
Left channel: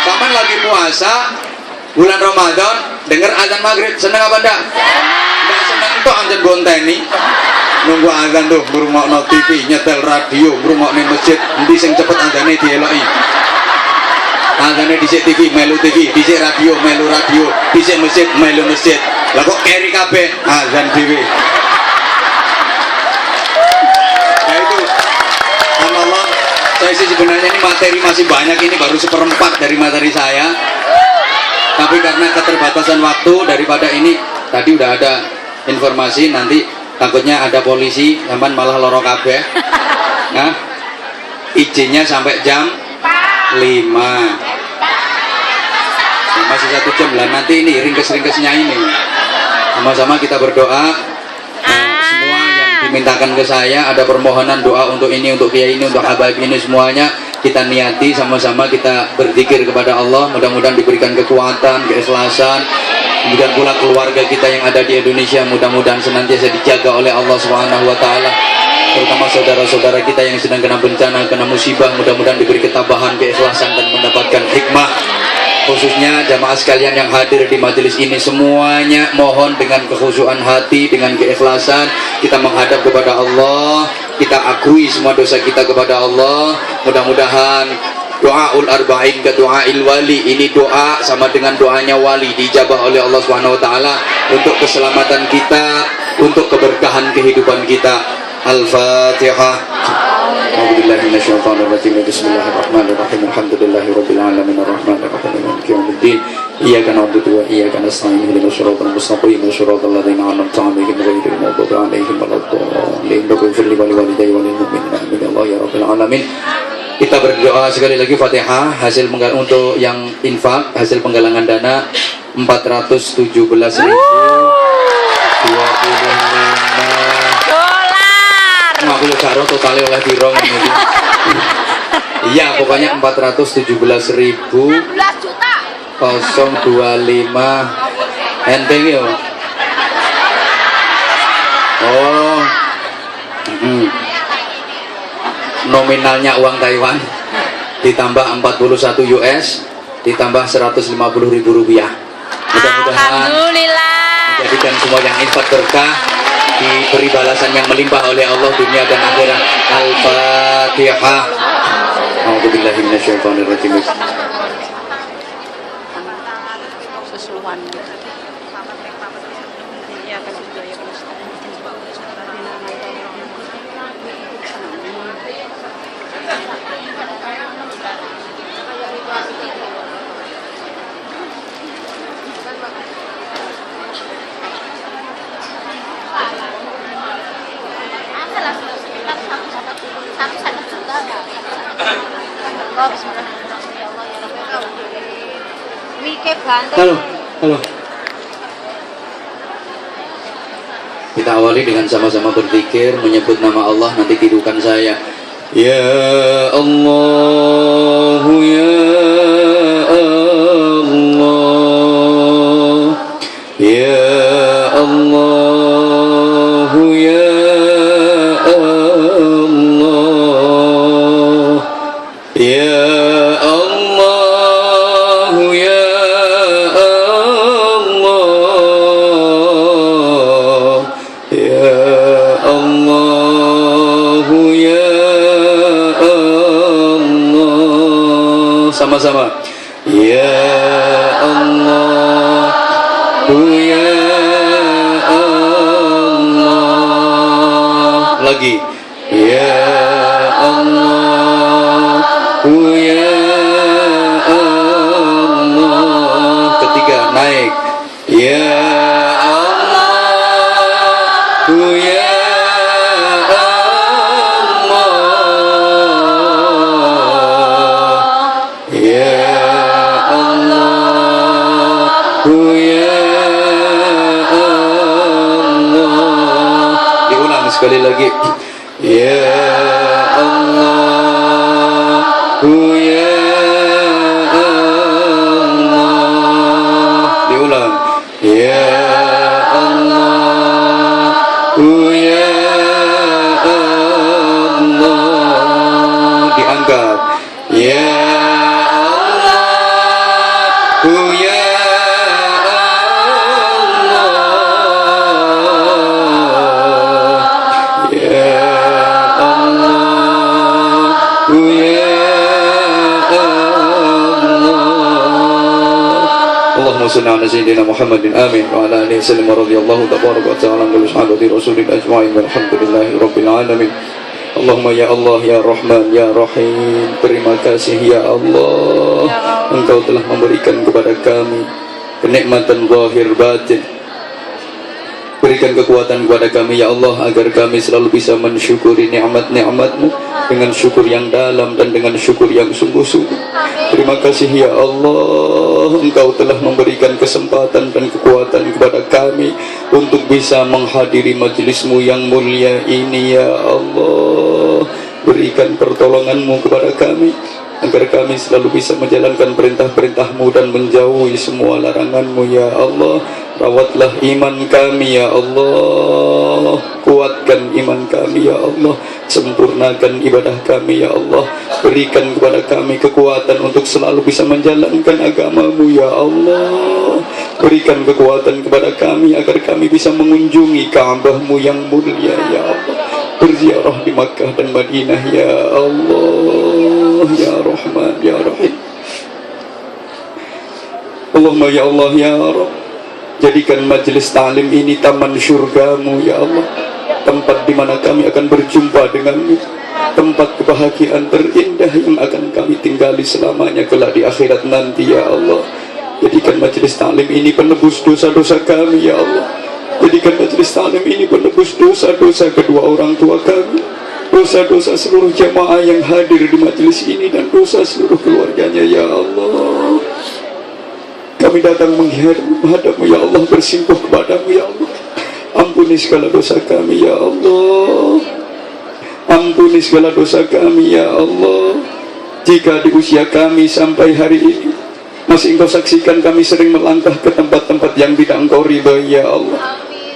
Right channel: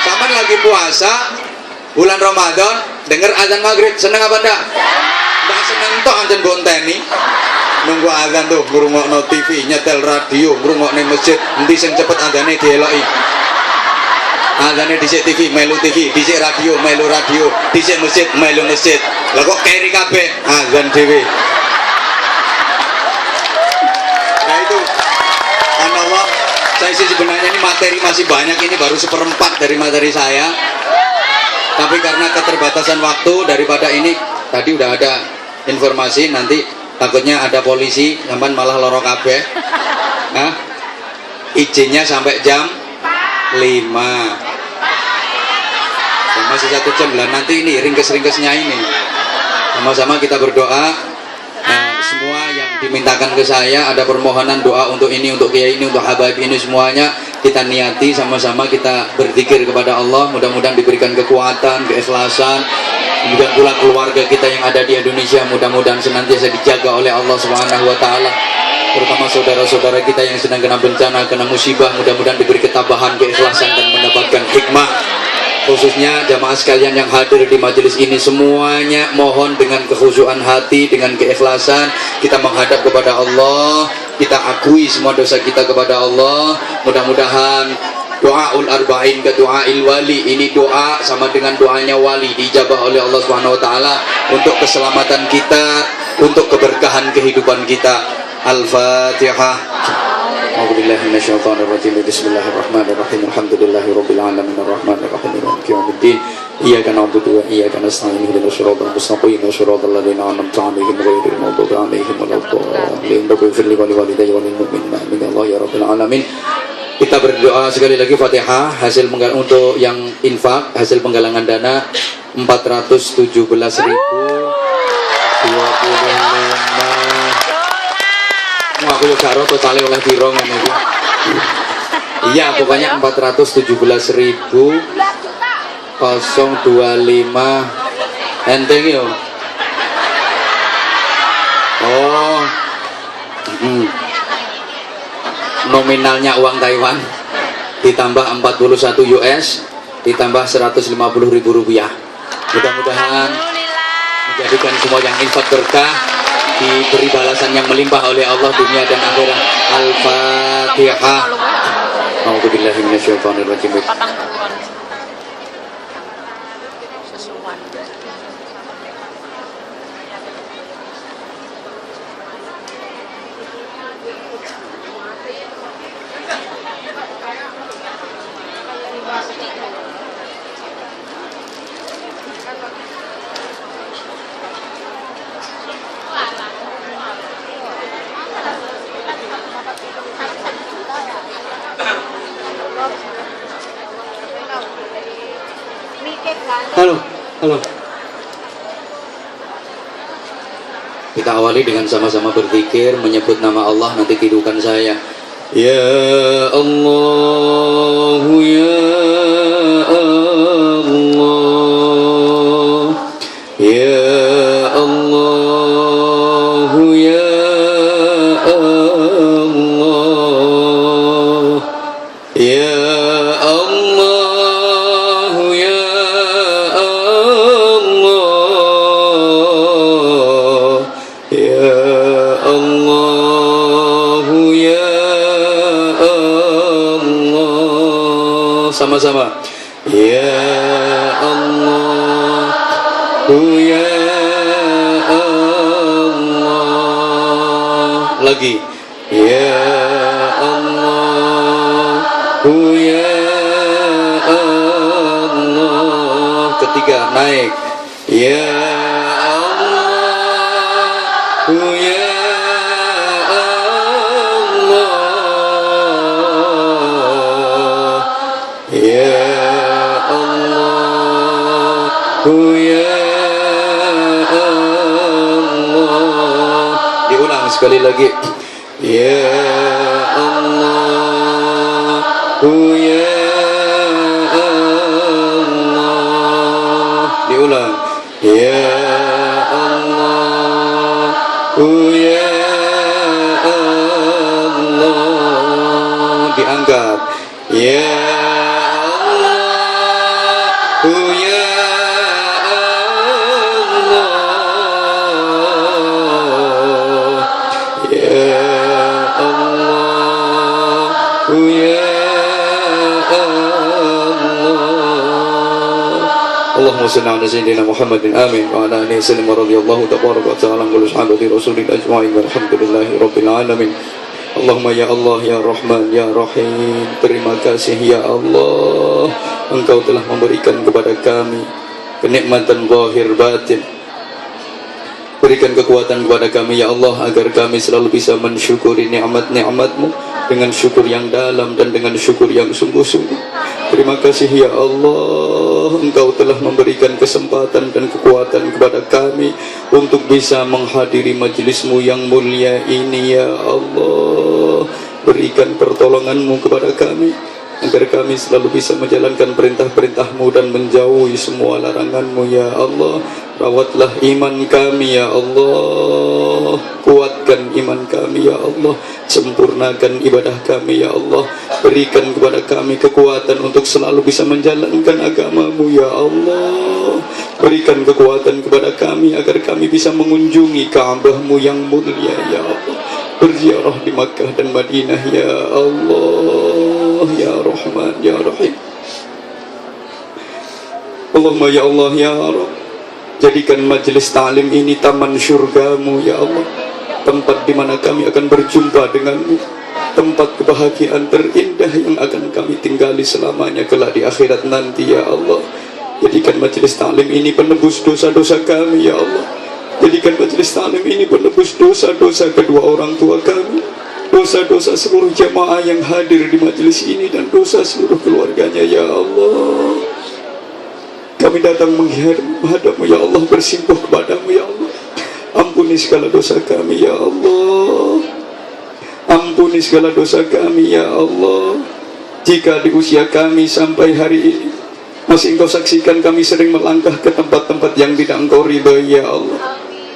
Sampean lagi puasa, bulan Ramadan, dengar azan maghrib, senang apa enggak? Enggak seneng tok anjen bonteni. Nunggu azan tuh ngrungokno TV, nyetel radio, ngrungokne masjid, endi sing cepet azane dieloki. Azane dhisik TV, melu TV, dhisik radio, melu radio, dhisik masjid, melu masjid. Lah kok keri kabeh azan dhewe. Nah itu Allah, saya sih sebenarnya ini materi masih banyak, ini baru 1/4 dari materi saya. Tapi karena keterbatasan waktu, daripada ini tadi udah ada informasi, nanti takutnya ada polisi sampean malah loro kabeh. Nah, izinnya sampai jam 5. Masih 1 jam lah, nanti ini ringkes-ringkesnya ini. Sama-sama kita berdoa. Semua yang dimintakan ke saya, ada permohonan doa untuk ini, untuk kiai ini, untuk habaib ini, semuanya kita niati sama-sama, kita berzikir kepada Allah. Mudah-mudahan diberikan kekuatan, keikhlasan. Kemudian pula keluarga kita yang ada di Indonesia, mudah-mudahan senantiasa dijaga oleh Allah Subhanahu wa taala. Terutama saudara-saudara kita yang sedang kena bencana, kena musibah, mudah-mudahan diberi ketabahan, keikhlasan, dan mendapatkan hikmah. Khususnya jamaah sekalian yang hadir di majelis ini, semuanya mohon dengan kekhusyuan hati, dengan keikhlasan kita menghadap kepada Allah, kita akui semua dosa kita kepada Allah. Mudah-mudahan doaul arba'in ke doail wali, ini doa sama dengan doanya wali, dijabah oleh Allah Subhanahu wa taala untuk keselamatan kita, untuk keberkahan kehidupan kita. Al-Fatihah. A'udzubillahi minasyaitonir rajim. Bismillahirrahmanirrahim. Alhamdulillahirabbil alamin arrahmanir rahim maliki yaumiddin. Iyyaka na'budu wa iyyaka nasta'in. Ihdinas siratal mustaqim. Shiratal ladzina an'amta 'alaihim ghairil maghdubi 'alaihim waladdallin. Ighfir li wa liwalidayya wa lil mu'minina amin ya Allah ya rabbal alamin. Kita berdoa sekali lagi Fatihah. Hasil untuk yang infak, hasil penggalangan dana 417.025 aku karo totalnya oleh dirong ini. Iya, pokoknya 417.025 enteng yo. Oh. Nominalnya uang Taiwan ditambah 41 US ditambah 150.000 rupiah. Mudah-mudahan menjadikan semua yang infak berkah, diberi balasan yang melimpah oleh Allah dunia dan akhirat. Al-Fatihah. A'udzubillahi minasyaitonir rajim. Halo. Kita awali dengan sama-sama berzikir, menyebut nama Allah, nanti kehidupan saya. Ya Allah, ya Allah, ya Allah, ya Allah, ya Allah, ya Allah, sama-sama. Ya Allah, ya Allah. Lagi. Ya Allah, ya Allah. Ketiga, naik. Ya Allah, ya Allah. Ya Allah, ya Allah. Diulang sekali lagi. Ya Allah, ya Allah. Diulang. Ya Allah, ya Allah. Diangkat. Ya Allah, ya Allah. Ya Allah, ya Allah. Allahumma salli ala sayyidina Muhammadin amin wa ala alihi wasallam radhiyallahu tabaraka wa ta'ala an sahabati rasulil ajma'in walhamdulillahi rabbil alamin. Allahumma ya Allah ya Rahman ya Rahim, terima kasih ya Allah, Engkau telah memberikan kepada kami kenikmatan zahir batin. Berikan kekuatan kepada kami ya Allah, agar kami selalu bisa mensyukuri nikmat-nikmat-Mu dengan syukur yang dalam dan dengan syukur yang sungguh-sungguh. Terima kasih ya Allah, Engkau telah memberikan kesempatan dan kekuatan kepada kami untuk bisa menghadiri majelis-Mu yang mulia ini ya Allah. Berikan pertolongan-Mu kepada kami, agar kami selalu bisa menjalankan perintah-perintah-Mu dan menjauhi semua larangan-Mu ya Allah. Rawatlah iman kami ya Allah, kuatkan iman kami ya Allah, sempurnakan ibadah kami ya Allah. Berikan kepada kami kekuatan untuk selalu bisa menjalankan agama-Mu ya Allah. Berikan kekuatan kepada kami agar kami bisa mengunjungi Ka'bah-Mu yang mulia ya Allah, berziarah di Makkah dan Madinah ya Allah, ya Rahman ya Rahim. Allahumma ya Allah ya Rabb, jadikan majelis ta'lim ini taman syurga-Mu ya Allah, tempat di mana kami akan berjumpa dengan-Mu, tempat kebahagiaan terindah yang akan kami tinggali selamanya kelak di akhirat nanti ya Allah. Jadikan majelis ta'lim ini penebus dosa-dosa kami ya Allah. Jadikan majelis ta'lim ini penebus dosa-dosa kedua orang tua kami, dosa-dosa seluruh jamaah yang hadir di majelis ini, dan dosa seluruh keluarganya ya Allah. Kami datang menghadap-Mu ya Allah, bersimpuh kepada-Mu ya Allah. Ampuni segala dosa kami ya Allah. Ampuni segala dosa kami ya Allah. Jika di usia kami sampai hari ini masih Engkau saksikan kami sering melangkah ke tempat-tempat yang tidak Engkau ridhoi ya Allah,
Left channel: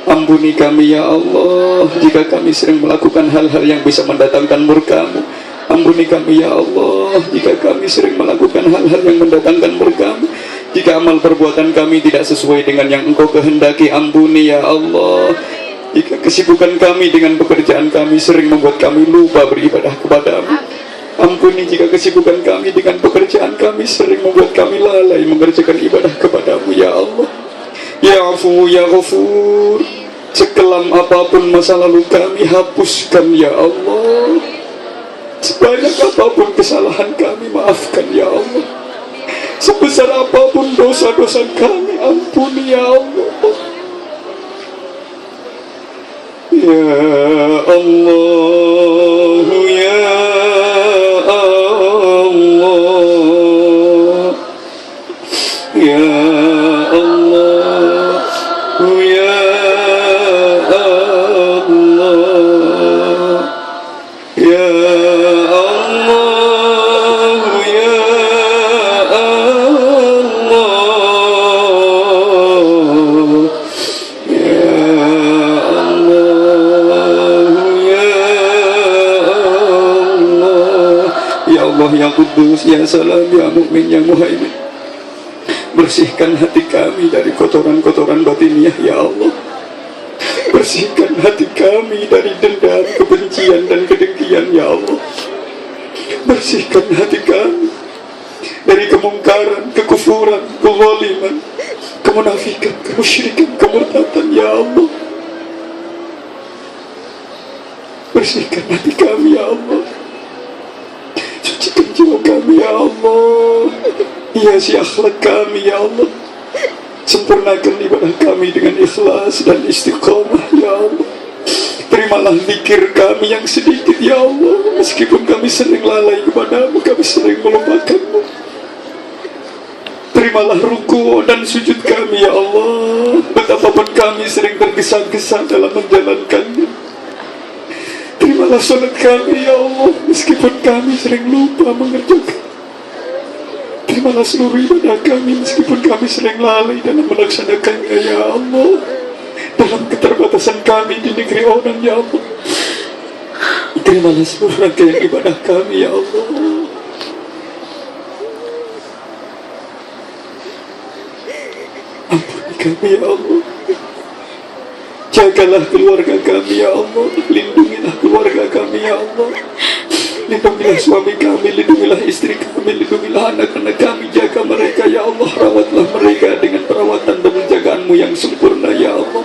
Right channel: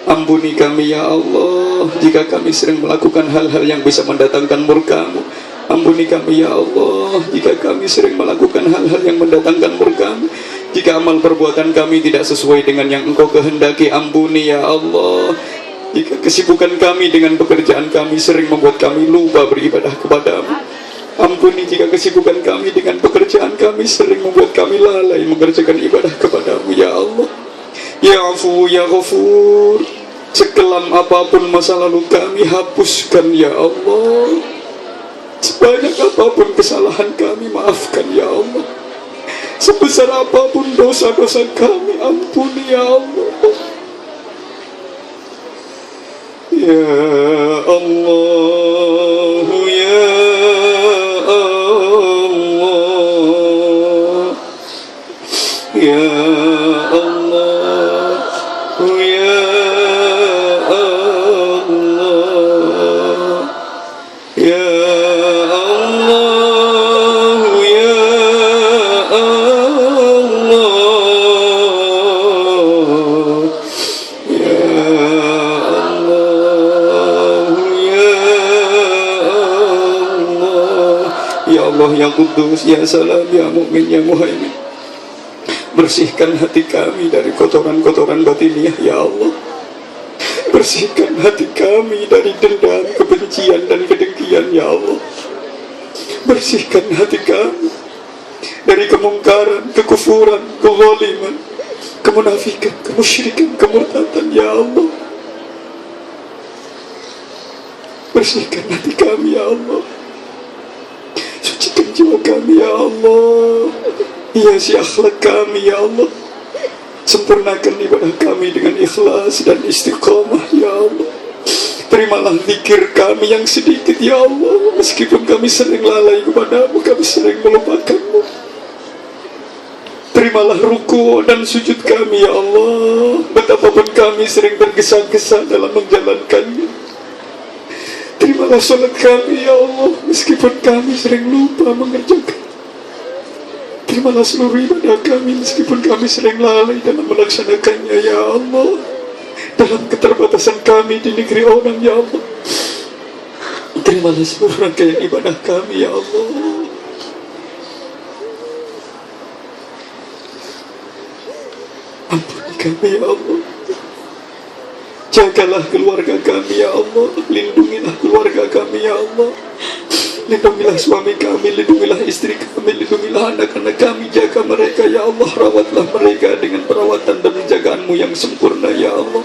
ampuni kami ya Allah. Jika kami sering melakukan hal-hal yang bisa mendatangkan murka-Mu, ampuni kami ya Allah. Jika kami sering melakukan hal-hal yang mendatangkan murka-Mu, jika amal perbuatan kami tidak sesuai dengan yang Engkau kehendaki, ampuni ya Allah. Jika kesibukan kami dengan pekerjaan kami sering membuat kami lupa beribadah kepada-Mu, ampuni jika kesibukan kami dengan pekerjaan kami sering membuat kami lalai mengerjakan ibadah kepada-Mu ya Allah. Ya Afu ya Ghafur, sekelam apapun masa lalu kami, hapuskan ya Allah. Sebanyak apapun kesalahan kami, maafkan ya Allah. Sebesar apapun dosa-dosa kami, ampuni ya Allah. Ya Allah, ya Allah, ya Allah, ya Allah, ya ya Kudus, ya Salam, ya Mukmin, ya Muhaimin. Bersihkan hati kami dari kotoran-kotoran batiniah ya Allah. Bersihkan hati kami dari dendam, kebencian dan kedengkian ya Allah. Bersihkan hati kami dari kemungkaran, kekufuran, kezaliman, kemunafikan, kemusyrikan, kemurtatan, ya Allah. Bersihkan hati kami, ya Allah. Sucikan jiwa kami, ya Allah. Hiasi akhlak kami, ya Allah. Sempurnakan ibadah kami dengan ikhlas dan istiqamah, ya Allah. Terimalah zikir kami yang sedikit, ya Allah. Meskipun kami sering lalai kepadamu, kami sering melupakanmu. Terimalah ruku dan sujud kami, ya Allah. Betapapun kami sering tergesa-gesa dalam menjalankannya. Terimalah salat kami, ya Allah. Meskipun kami sering lupa mengerjakan. Terimalah seluruh ibadah kami meskipun kami sering lalai dalam melaksanakannya, ya Allah. Dalam keterbatasan kami di negeri orang, ya Allah. Terimalah seluruh rangkaian ibadah kami, ya Allah. Ampuni kami, ya Allah. Jagalah keluarga kami, ya Allah. Lindungilah keluarga kami, ya Allah. Lindungilah suami kami, lindungilah istri kami, lindungilah anak-anak kami, jaga mereka, ya Allah. Rawatlah mereka dengan perawatan dan penjagaanmu yang sempurna, ya Allah.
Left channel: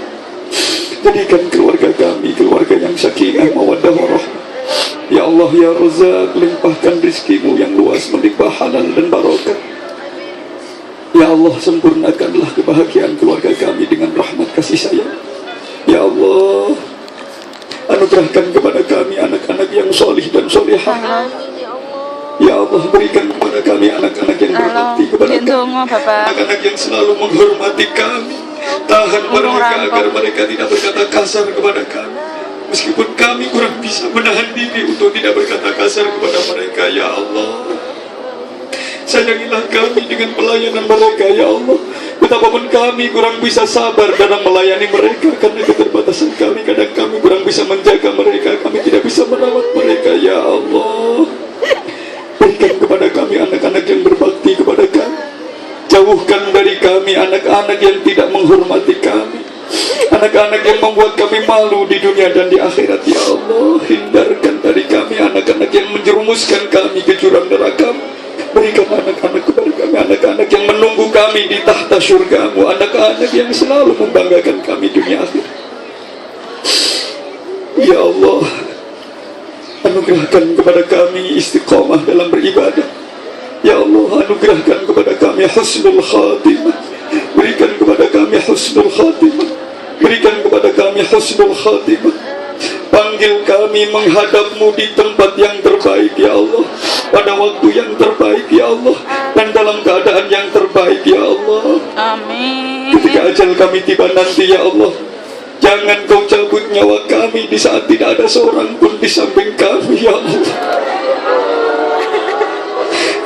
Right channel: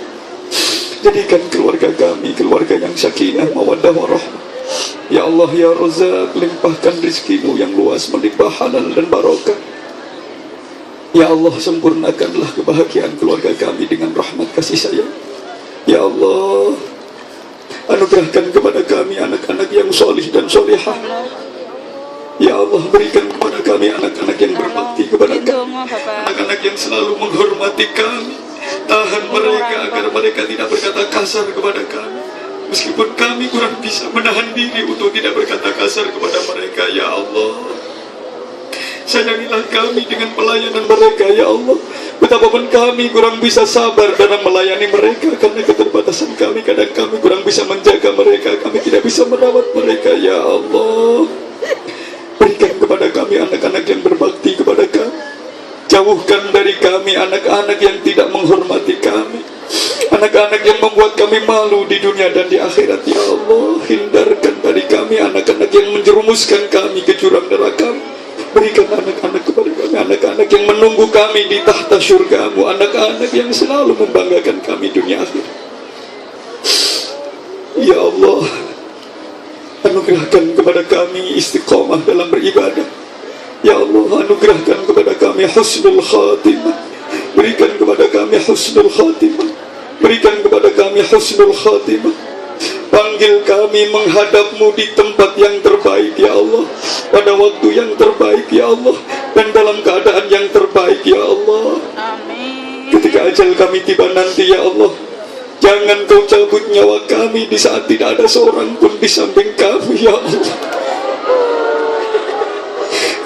Jadikan keluarga kami keluarga yang sakinah, mawaddah, warahmah. Ya Allah, ya Razak, limpahkan rizkimu yang luas, melimpah halal dan barokah. Ya Allah, sempurnakanlah kebahagiaan keluarga kami dengan rahmat kasih sayang. Ya Allah, anugerahkan kepada kami anak-anak yang solih dan solihah. Ya Allah, berikan kepada kami anak-anak yang berbakti kepada kami, anak-anak yang selalu menghormati kami. Tahan mereka agar mereka tidak berkata kasar kepada kami, meskipun kami kurang bisa menahan diri untuk tidak berkata kasar kepada mereka. Ya Allah, sayangilah kami dengan pelayanan mereka, ya Allah. Betapapun kami kurang bisa sabar dalam melayani mereka karena keterbatasan kami, kadang kami kurang bisa menjaga mereka, kami tidak bisa merawat mereka, ya Allah. Berikan kepada kami anak-anak yang berbakti kepada kami. Jauhkan dari kami anak-anak yang tidak menghormati kami, anak-anak yang membuat kami malu di dunia dan di akhirat, ya Allah. Hindarkan dari kami anak-anak yang menjerumuskan kami ke jurang neraka. Berikan anak-anak kepada kami, anak-anak yang menunggu kami di tahta syurgamu, anak-anak yang selalu membanggakan kami dunia akhir. Ya Allah, anugerahkan kepada kami istiqamah dalam beribadah. Ya Allah, anugerahkan kepada kami husnul khatimah. Berikan kepada kami husnul khatimah. Berikan kepada kami husnul khatimah. Panggil kami menghadapmu di tempat yang terbaik, ya Allah. Pada waktu yang terbaik, ya Allah. Dan dalam keadaan yang terbaik, ya Allah. Amin. Ketika ajal kami tiba nanti, ya Allah, jangan kau cabut nyawa kami di saat tidak ada seorang pun di samping kami, ya Allah.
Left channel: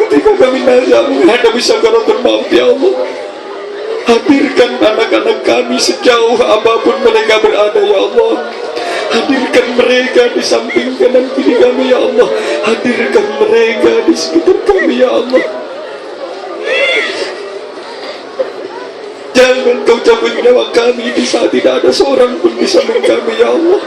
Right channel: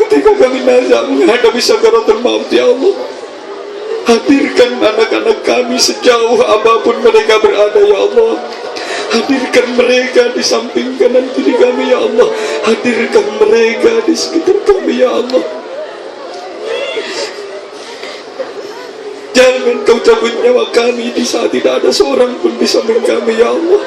Ketika kami nazar menghadapi sakaratul maut, ya Allah, hadirkan anak-anak kami sejauh apapun mereka berada, ya Allah. Hadirkan mereka di samping kanan kiri kami, ya Allah. Hadirkan mereka di sekitar kami, ya Allah. Jangan kau cabut nyawa kami di saat tidak ada seorang pun di samping kami, ya Allah.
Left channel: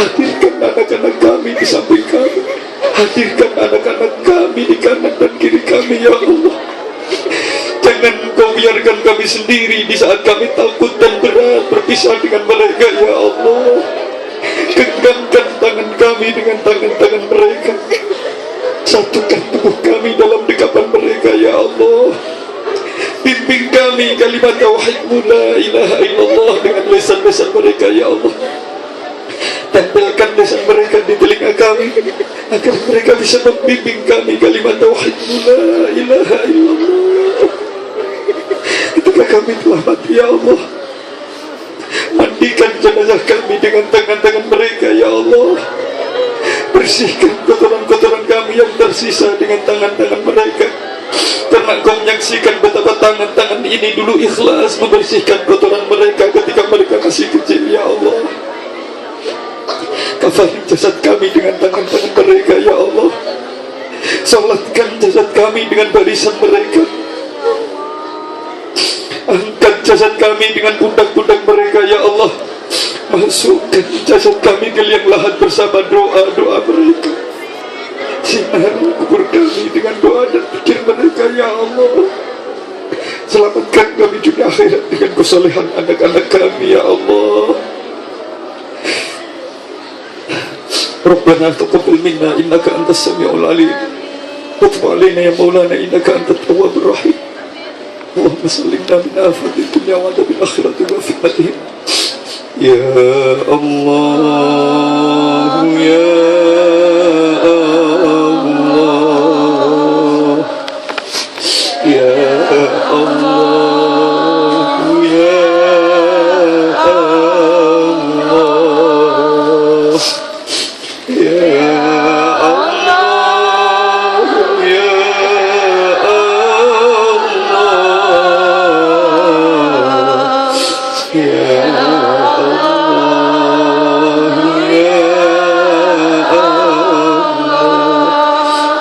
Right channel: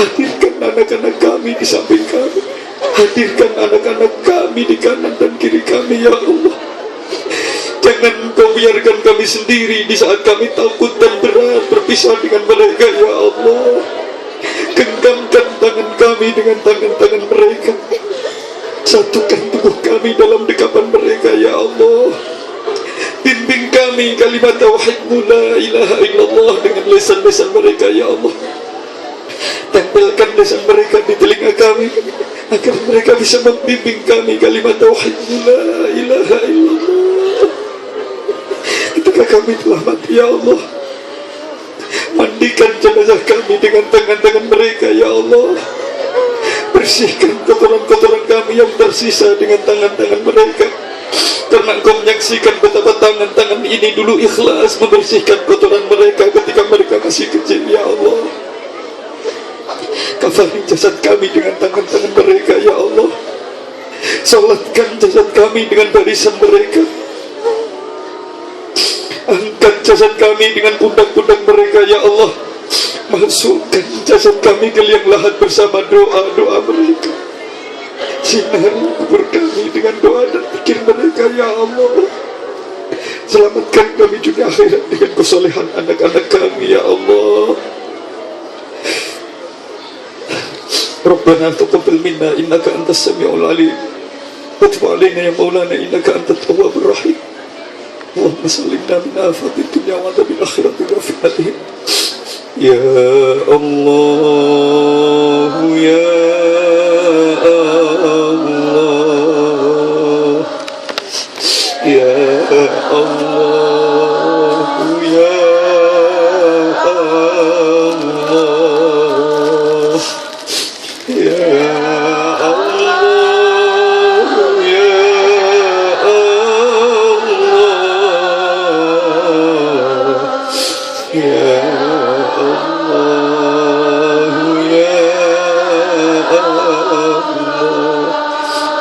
Hadirkan anak-anak kami di samping kami. Hadirkan anak-anak kami di kanan dan kiri kami, ya Allah. Jangan kau biarkan kami sendiri di saat kami takut dan berat berpisah dengan mereka, ya Allah. Genggamkan tangan kami dengan tangan-tangan mereka. Satukan tubuh kami dalam dekapan mereka, ya Allah. Bimbing kami kalimat tauhid-Mu la ilaha illallah dengan lisan-lisan mereka, ya Allah. Tempelkan lisan mereka di telinga kami agar mereka bisa membimbing kami kalimat tauhid-Mu la ilaha illallah. Ketika kami telah mati, ya Allah, mandikan jenazah kami dengan tangan-tangan mereka, ya Allah. Bersihkan kotoran-kotoran kami yang tersisa dengan tangan-tangan mereka, karena Engkau menyaksikan betapa tangan-tangan ini dulu ikhlas membersihkan kotoran mereka ketika mereka masih kecil, ya Allah. Kafani jasad kami dengan tangan-tangan mereka, ya Allah. Salatkan jasad kami dengan barisan mereka. Angkat jasad kami dengan pundak-pundak mereka, ya Allah. Masukkan jasad kami ke liang lahat bersama doa-doa mereka. Sinari kubur kami dengan doa dan pikir mereka ya Allah. Selamatkan kami dunia akhirat dengan kesolehan anak-anak kami ya Allah. Rabbana taqabbal minna innaka antas samiul alim wa tub alaina ya maulana innaka antat tawwabur rahim. Allahumma sallimna min afatil dunya wa adzabil akhirati wa fitnatihim. Ya Allah ya Allah ya Allah ya Allah ya Allah ya Allah ya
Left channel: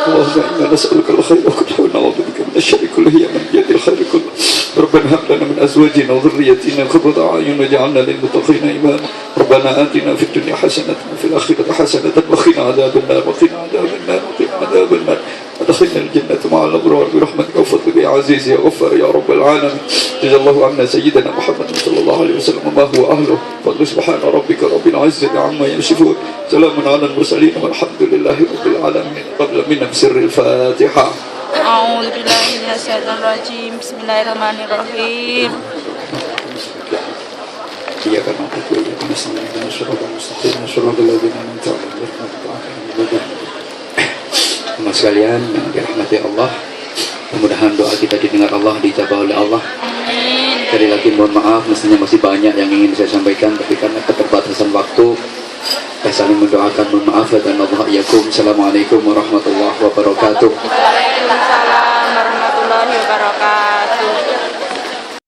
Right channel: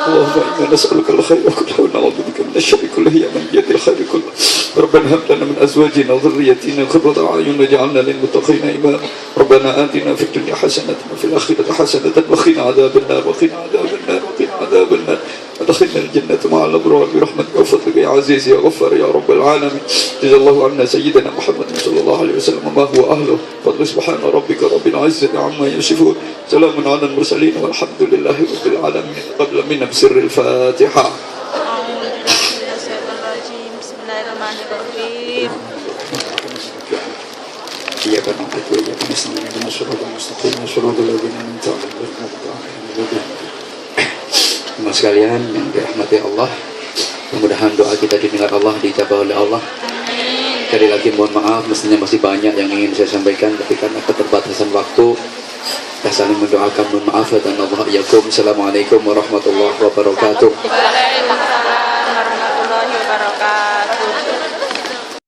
اللهم إنا نسألك الخير كله ونعوذ بك من الشر كله يا من بيده الخير كله. ربنا هب لنا من أزواجنا وذريتنا قرة أعين واجعلنا للمتقين إماما. ربنا آتنا في الدنيا حسنة وفي الآخرة حسنة وقنا عذاب النار وقنا عذاب النار وقنا عذاب النار ودخلنا الجنة مع الأبرار برحمتك وفضلك يا عزيز يا غفار يا رب العالمين. جزا الله عنا سيدنا محمد صلى الله عليه وسلم ما هو أهله. فضل سبحان ربك رب العزة عما يصفون. سلام على المرسلين والحمد لله رب العالمين. قبل من بسر الفاتحة. أعوذ بالله من الشيطان الرجيم. بسم الله الرحمن الرحيم. إياك نعبد وإياك نستعين اهدنا الصراط المستقيم صراط الذين أنعمت عليهم غير Teman sekalian yang dirahmati Allah, mudah-mudahan doa kita didengar Allah, dijabah oleh Allah. Sekali lagi mohon maaf, mestinya masih banyak yang ingin saya sampaikan, tapi karena keterbatasan waktu, saya saling mendoakan mohon maaf dan Allah yakum. Assalamualaikum warahmatullahi wabarakatuh. Waalaikumsalam warahmatullahi wabarakatuh.